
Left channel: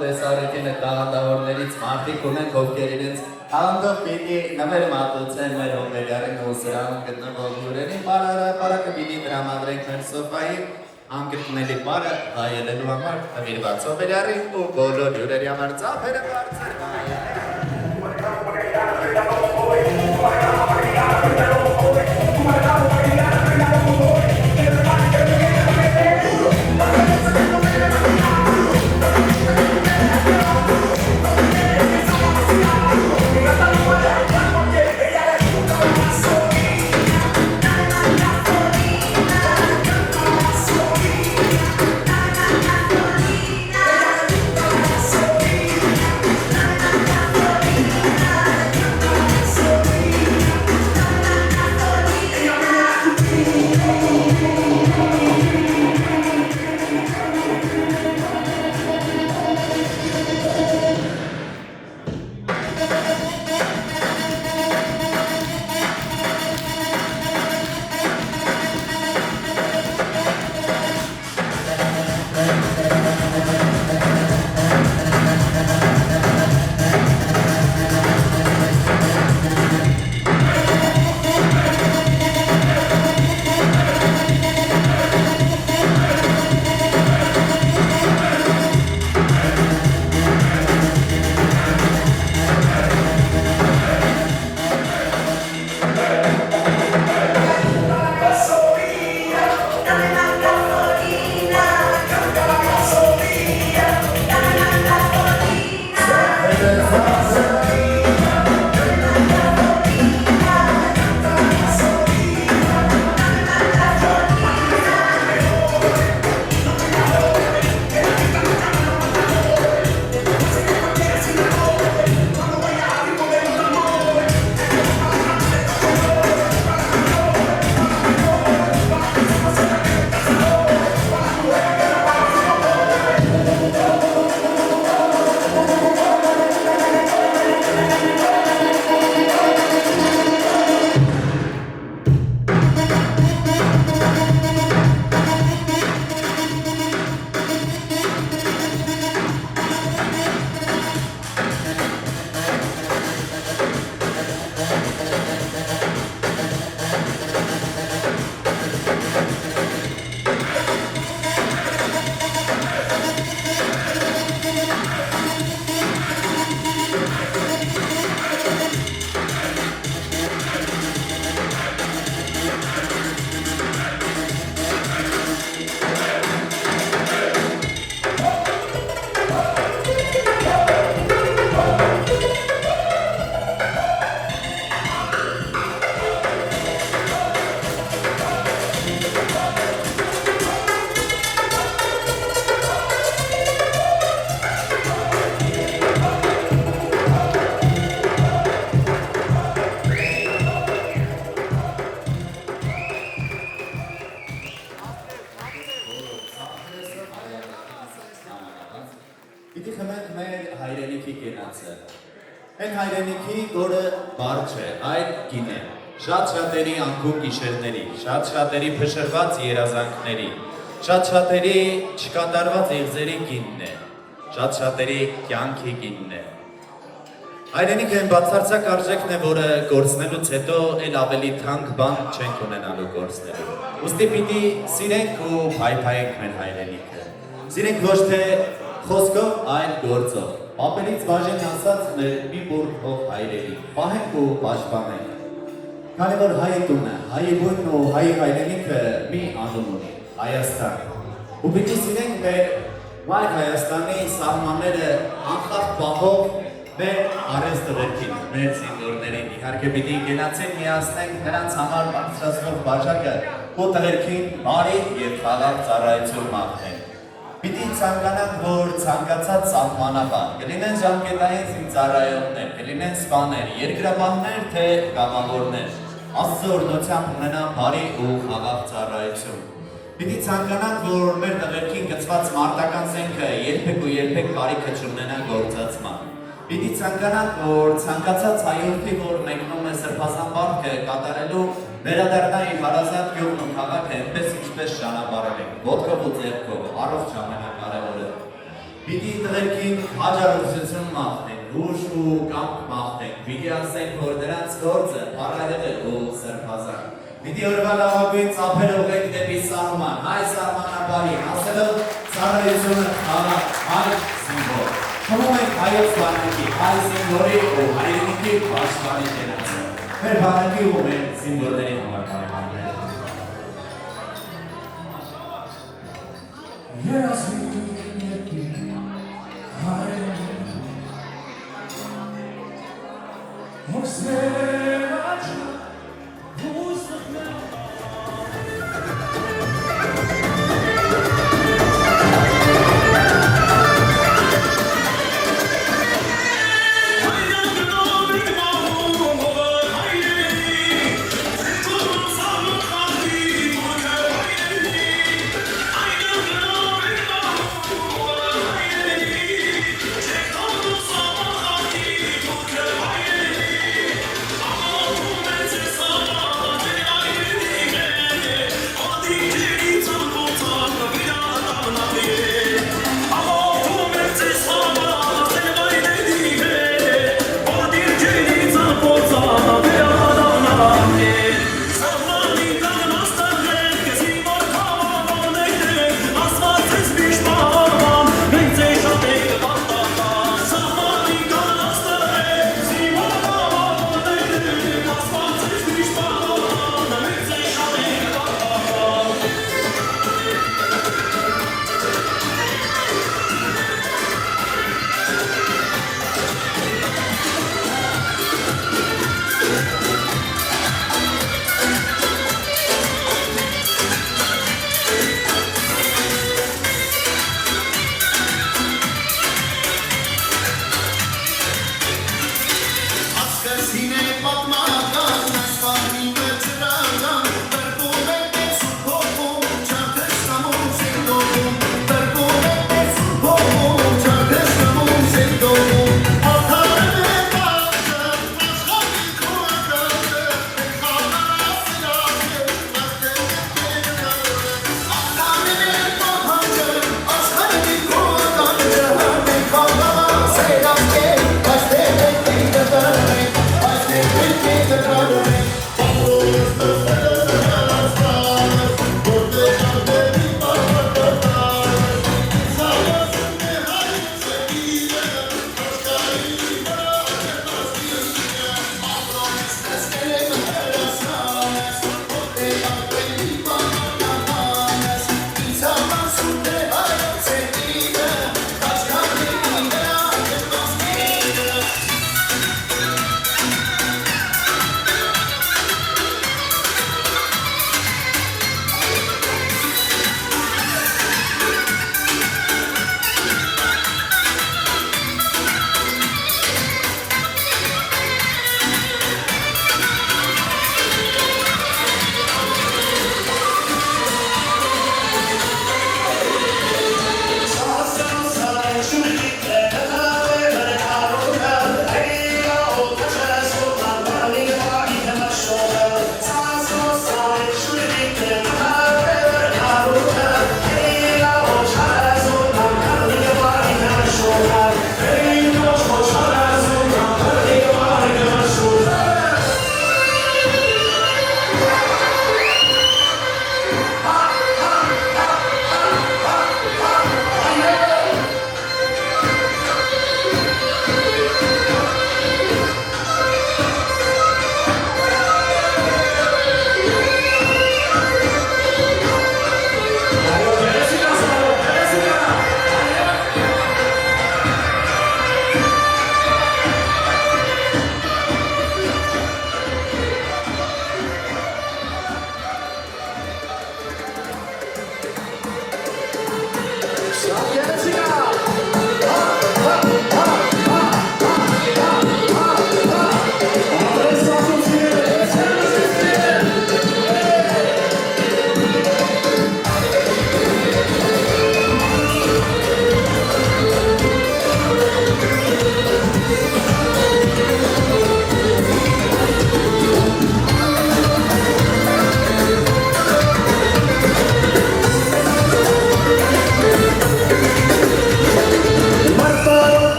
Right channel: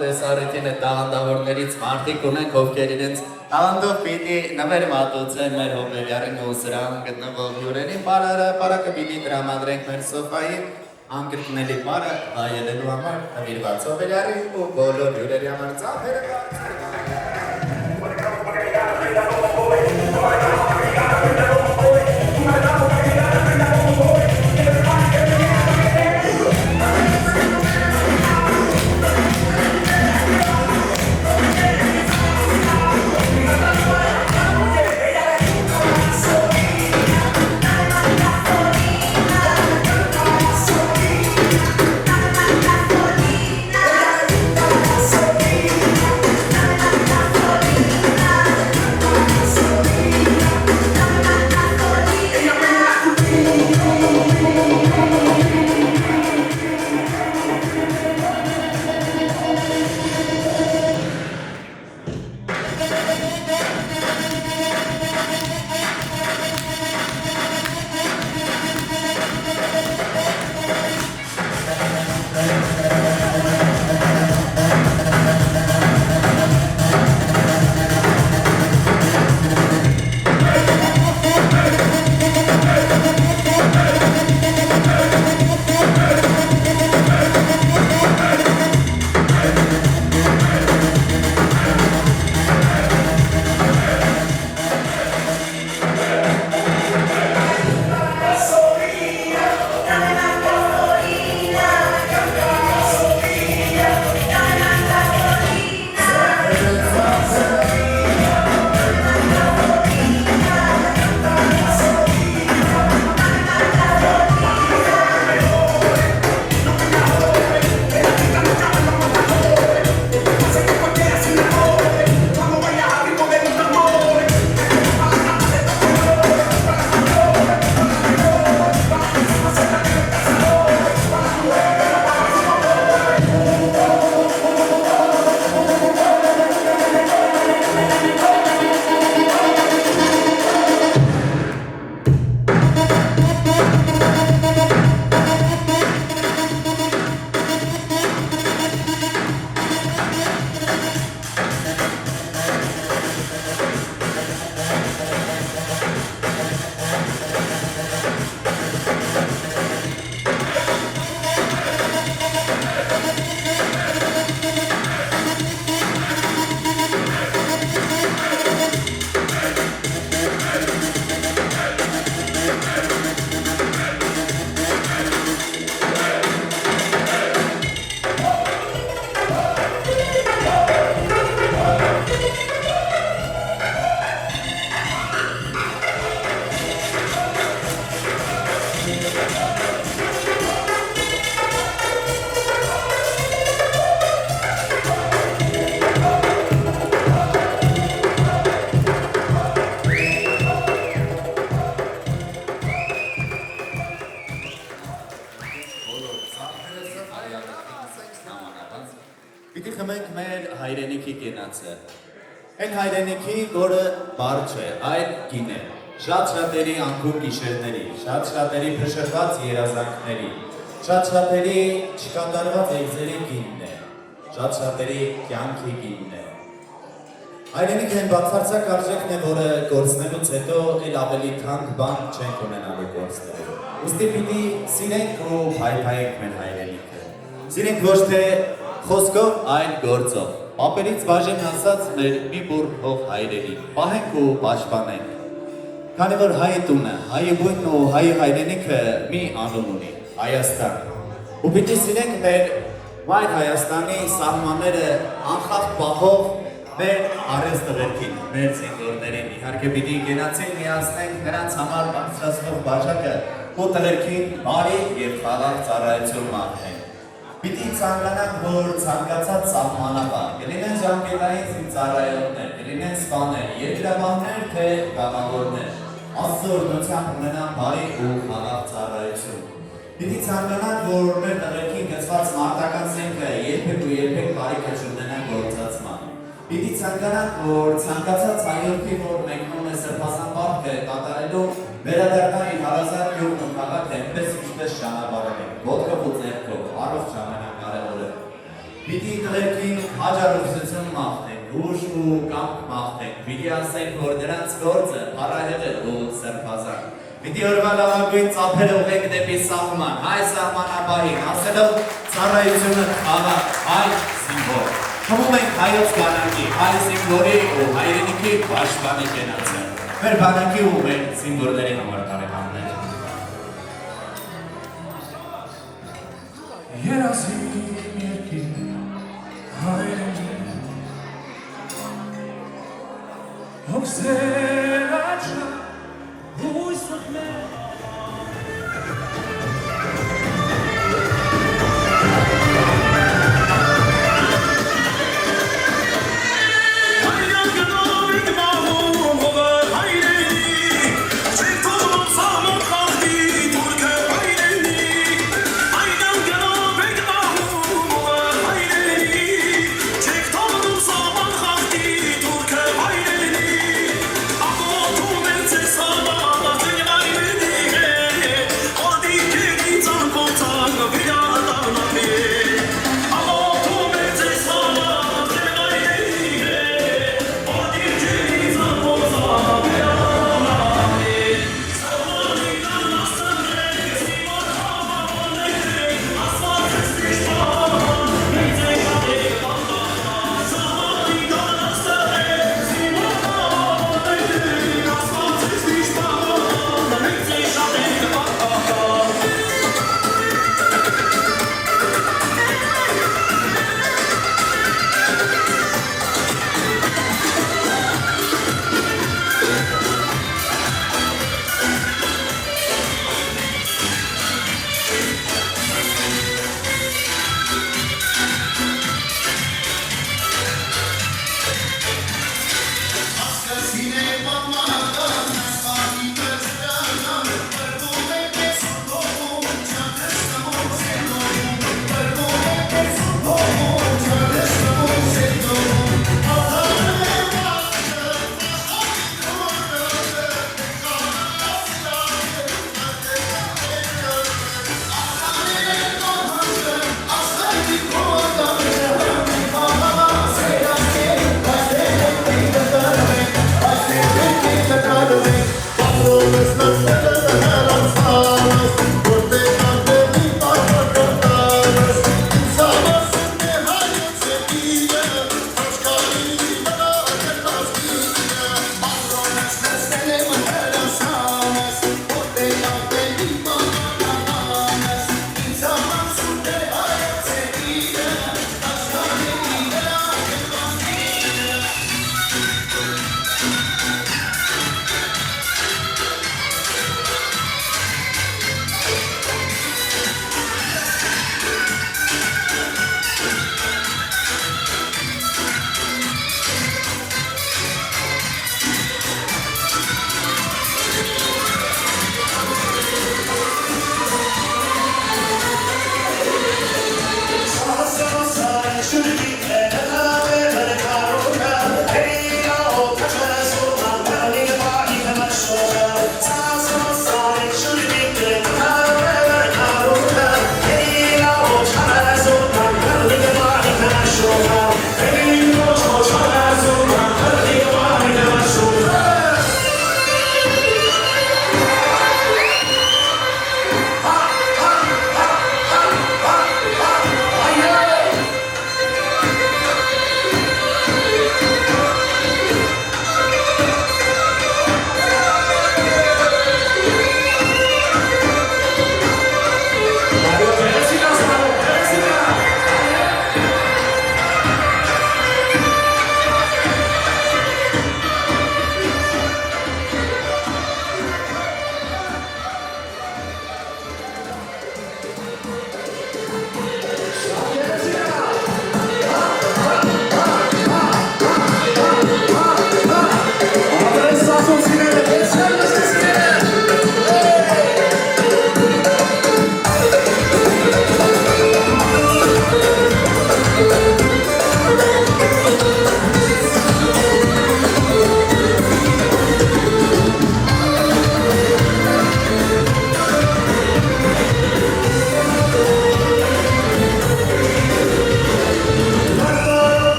տեսարիքին է տաղանդավորներից մարդիկ ունենք, ովքեր իրենց տաղանդով պիտի նվեր մատուցեն մեր հոբելյարին ու սրան գտնվող հյուրերին, պարակը պիտի տրամադրենք մեր սոֆային անկրկնելի պարը վայելելու համար նվիրված հոբելյարին ու բոլոր հյուրերի համար ծափերը Պիտի խմենք մեր հայրենիքի կենացը։ Այն հայրենիքի, որը բար չէ, այլ գին է։ Շատ-շատերի անկում գիշերների, շատ-շատերի փշրված երազանքների, շատ-շատերի չկատարված եզերի գինն է, շատ-շատերի կյանքի գինն է։ Հայրենիքը այն բացարձակ արժեքն է, որը գործնելուց հետո էլ ավելի թանկ բան չենք ունենալու գործնելու։ Ուստի պիտի սիրենք ու փայփայենք մեր հայրենիքը։ Սիրենք ոչ թե խոսքով, այլ գործով։ Պապերից բաժին ասած մեր մի բուռ հող հայրենիք, պահենք ու պաշտպանենք։ Քանի որ հայ տունը, հայի բույնն ու հայի հայրենիքը մի անուն ունի, Հայաստան։ Ու պիտի սիրենք մեր մայր Հայաստանի սահմանները անխախտ պահող մեր արհեստողերքին, մեր զինվորներին, իհարկե պիտի գնացին միացնենք նրանց համար բարձրացնող բաժակը ու տղերքին բարի և խաղաղ ծառայություն մաղթենք։ Պիտի ցանկանանք, որ ցանկացած սահմանապահ, կլինեն ժամկետային ծառայողներ, կլինեն սպաներ, երկրապահներ, թե կամավորներ, Աստծո օրհնությամբ ունենան բարի ու խաղաղ ծառայություն։ Պիտի ցանկանանք, որ մեր տղերքին գծված մարտական զենքը երբեք բարիքը չունենա գործածման։ Պիտի ցանկանանք, որ ցանկացած հայորդի, որ մեկնում է սրբազան պարտքը կատարելու, վերադառնային հարազատ գյուղն ու քաղաքը այնպես ինչպես ճանապարհել ենք, ոտքով ու ձեռքով, առողջ ամենակարևորը։ Պիտի տղերքին հաջարողություն մաղթենք, ուժ ու կամք մաղթենք, պիտի ասենք, որ նրանց գործը առայել է ու սրբազան։ Պիտի օրվա լավագույն ծափեր ուղենք դեպի սահման, հայ սահմանապահին, ասելով ծառայությունը խաղաղ, հայ զինվոր։ Խմում ենք հայոց բանակի, հայ զինվորի ու հայրենիքի պաշտպանի կենացը։ Մեր բանակի ու մեր զինվորների համար բարեկամներ։ Երազի երկիր հայրենի ով սերաճա հույս մտնե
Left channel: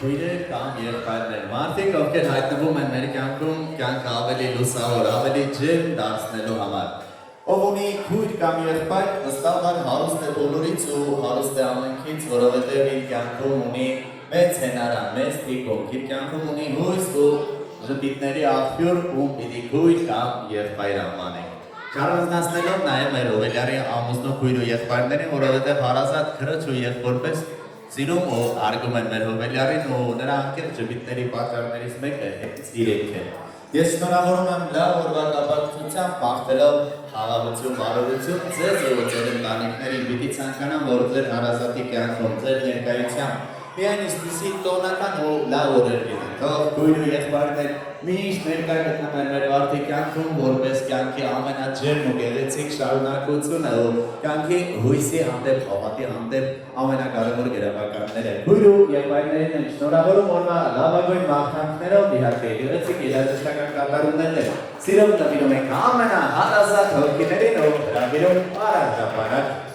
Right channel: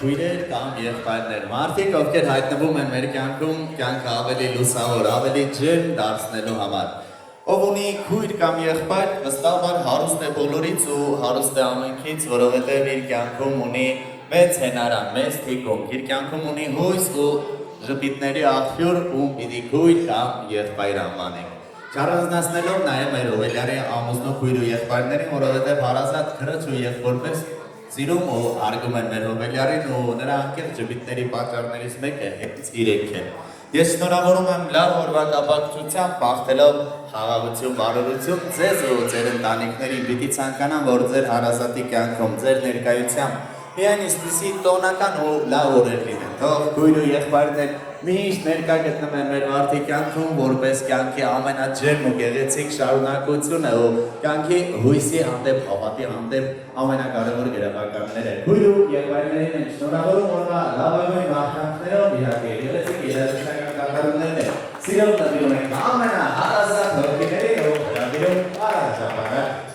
քույրեր կամ եղբայրներ, մարդիկ, ովքեր հայտնվում են մեր կյանքում, կյանքը ավելի լուսավոր, ավելի ջերմ դարձնելու համար։ Ով ունի քույր կամ եղբայր, վստահաբար հարուստ է բոլորից ու հարուստ է ամենքից, որովհետև իր կյանքում ունի մեծ հենարան, մեծ թիկունք, իր կյանքում ունի հույս ու ժպիտների աղբյուր ու պիտի քույր կամ եղբայր անվանենք։ Չառանձնացնելով նաև մեր Հովելյարի ամուսնու քույր ու եղբայրներին, որովհետև հարազատ քրոջ ու եղբորպես սիրում ու արգում են մեր Հովելյարին ու նրա անկեղծ ժպիտների պատճառներից մեկը հենց իրենք են։ Ես շնորհավորում եմ լավ օրվա կապակցությամբ բախտելով խաղաղություն, բարօրություն ձեզ ու ձեր ընտանիքներին, պիտի ցանկանամ, որ ձեր հարազատի կյանքում, ձեր ներկայությամբ միայն իսկիսի տոնական ու լավ օրեր լինեն, թող քույր ու եղբայրներ միշտ ներկա գտնվեն մեր վարդի կյանքում, որպես կյանքի ամենաջերմ ու գեղեցիկ շարունակությունը ու կյանքի հույսի հանդեպ, հավատի հանդեպ ամենակարևոր գրավականները։ Քույր ու եղբայրներին եմ շնորհավորում օրվա լավագույն մաղթանքներով, իհարկե գեղեցիկ երաժշտական կատարումներն են։ Սիրով նվիրում ենք ամենահարազատ հոգիներին ու հրավիրում առանձնաբար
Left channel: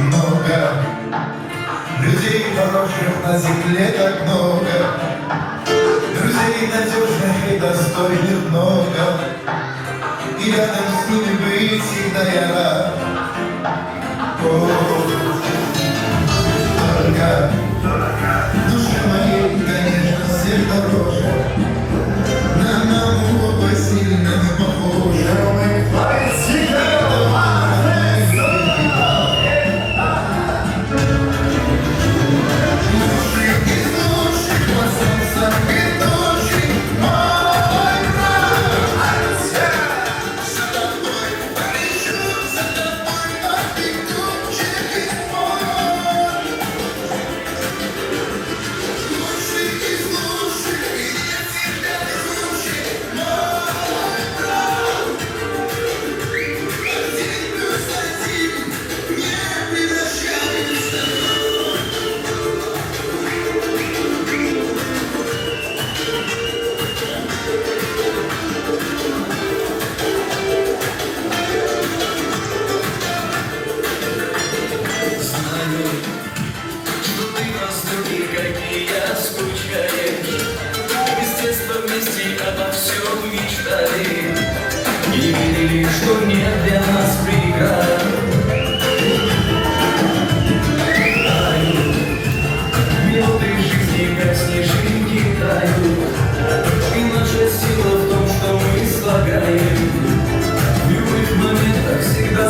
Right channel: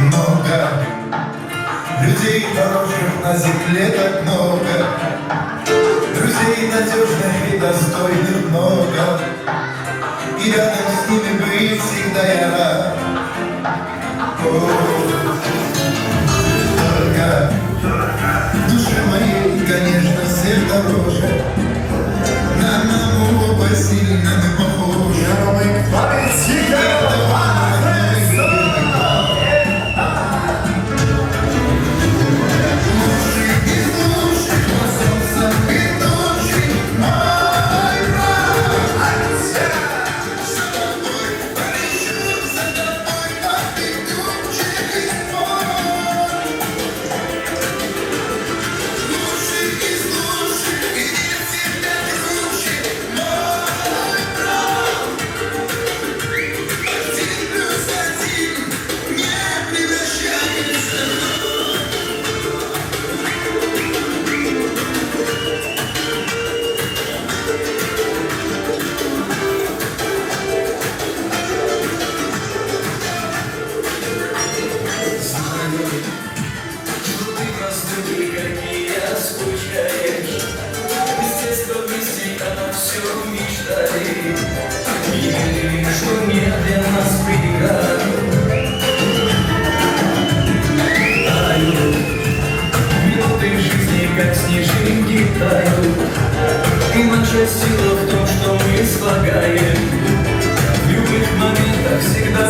Много людей хороших на земле так много, друзей надежных и достойных много, и рядом с ними быть всегда я рад. Только душе моей, конечно, всех дороже, на маму оба сильно мы похожи. Что нет для нас преград. Минуты жизни, как снежинки, тают. И наша сила в том, что мы слагаем. В любых моментах всегда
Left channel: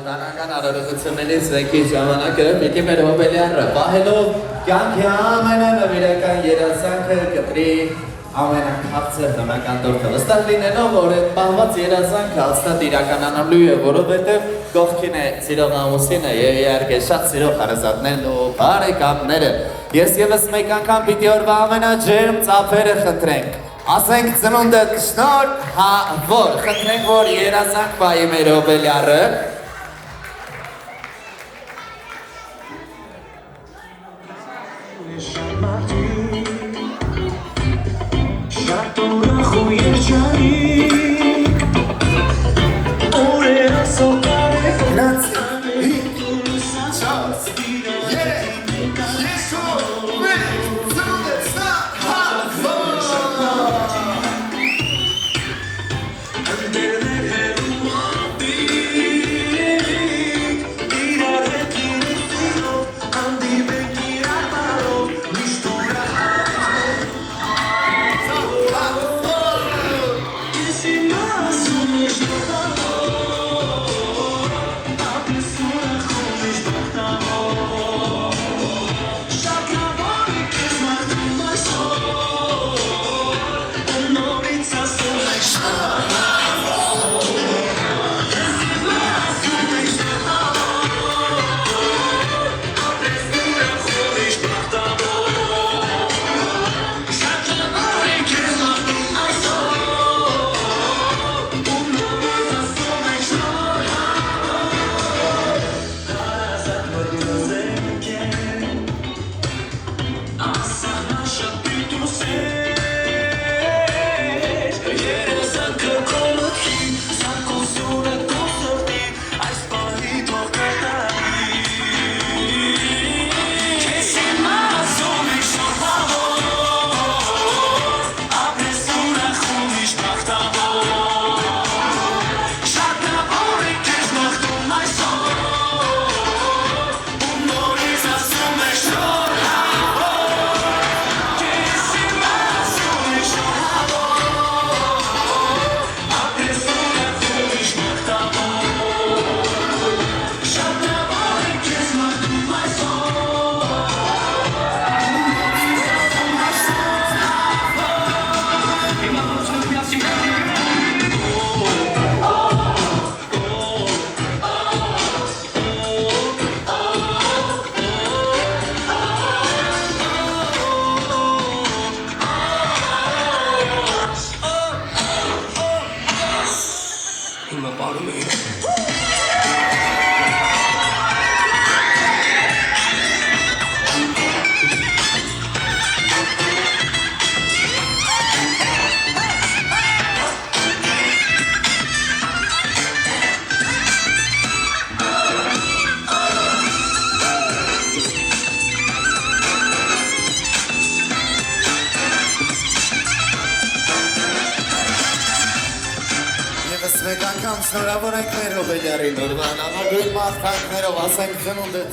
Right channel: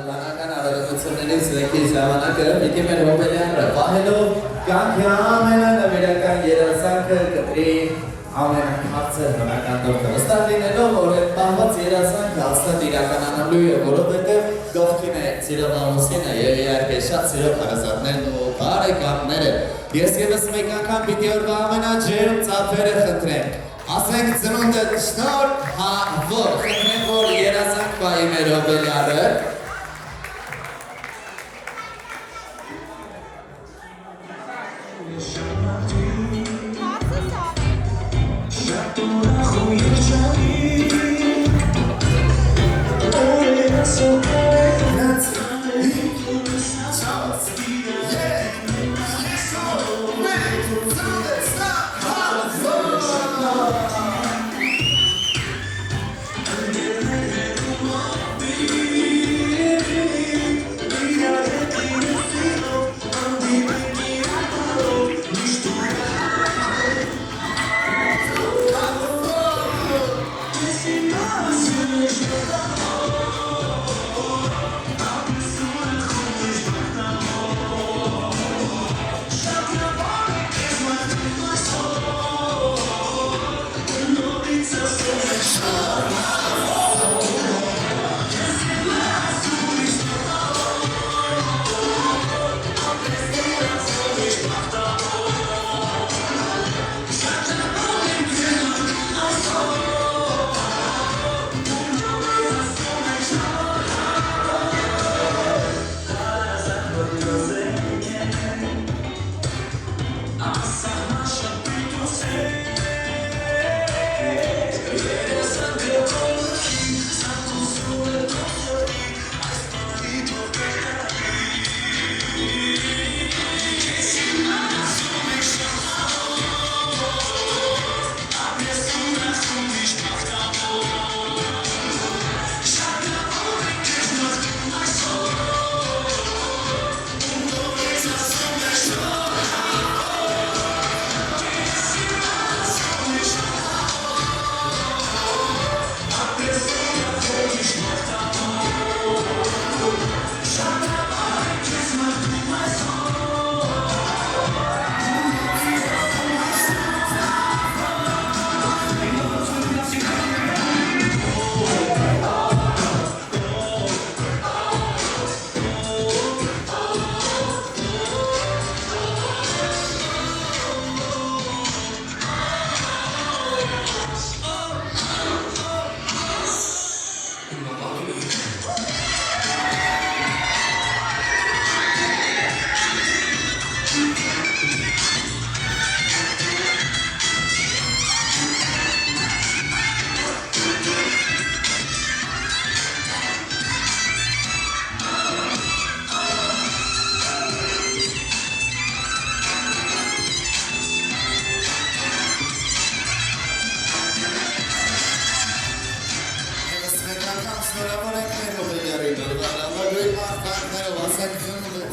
Կանական արարողություններից զենքի ժամանակը պիտի մեր հոբելյարը պահելով կյանքի ամենանվիրական երազանքը կտրի ամենաքաղցր նմական տորքը վստահ լինելով, որ այդ պահված երազանքը հաստատ իրականանալու է, որովհետև կողքին է սիրող ամուսինը և իհարկե շատ սիրող հարազատներն ու բարեկամները։ Ես ևս մեկ անգամ պիտի օրվա ամենաջերմ ծափերը խնդրենք, ասենք ծնունդդ շնորհավոր, խնդրենք, որ երազանք պահի մեր հոբելյարը։ անգամ շնորհավոր ենք մեր Ռոբելյարին, որ վանալագույն մարդանքներով ասենք ծնունդ է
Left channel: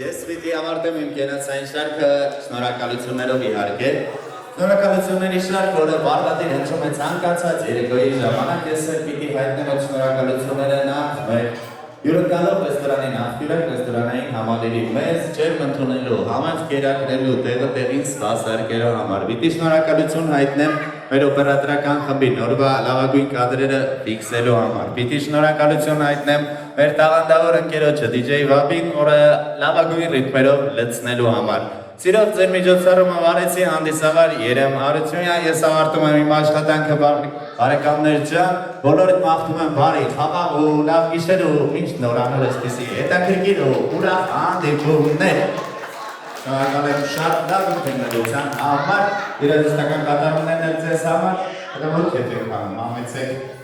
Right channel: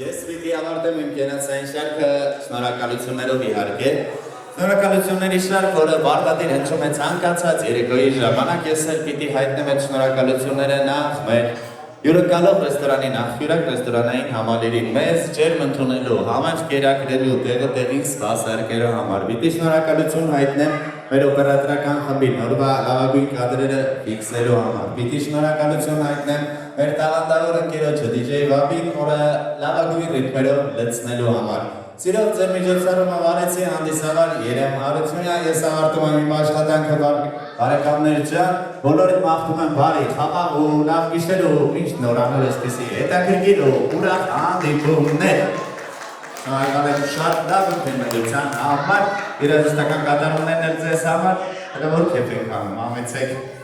Ես պիտի ավարտեմ իմ կենացային շարքը շնորհակալություններով իհարկե։ Շնորհակալությունների շարք, որը բաղդադիր հնչում է ցանկացած երեկոյի ժամանակ, ես էլ պիտի հայտնեմ այդ շնորհակալությունները նախ մեր հյուրընկալող ռեստորանի նախյուրակ ռեստորանային համալիրի մեզ ջերմ ընդունելու, համար կերակրելու, տեղը տեղին սպասարկելու համար։ Պիտի շնորհակալություն հայտնեմ մեր օպերատորական խմբի նորվա լավագույն կադրերը ֆիքսելու համար։ Պիտի շնորհակալություն հայտնեմ մեր տաղանդավոր ընկերոջը DJ Վաբին, որը լավագույն ռիթմերով լցնելու համար։ Սիրով ձեր միջոցառումը վարեցի հանդիսավոր Երեմ Արությունյան, ես ավարտում եմ իմ աշխատանքը բարեկամներ ջան, բոլորիդ մաղթում եմ բարի, խաղաղ ու լավ գիշեր ու միշտ նորանոր այսպիսի հետաքրքիր ու ուրախ հանդիպումներ։ Շնորհակալ եմ շատ լավ ընդդիմության համար, երաժշտական կատարումներն էլ ձեզ համար, հələ որ քեֆ եք անում, ամեցեք։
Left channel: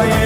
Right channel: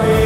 Oi,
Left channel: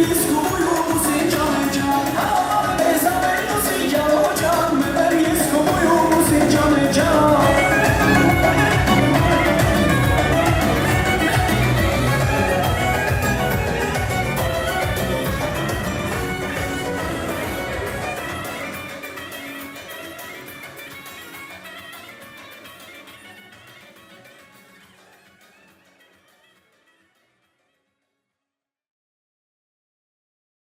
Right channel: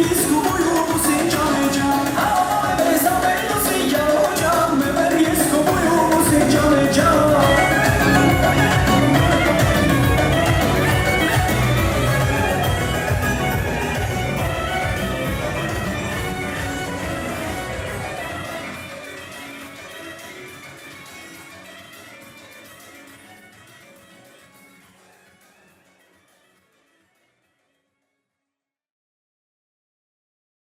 Իսկ ու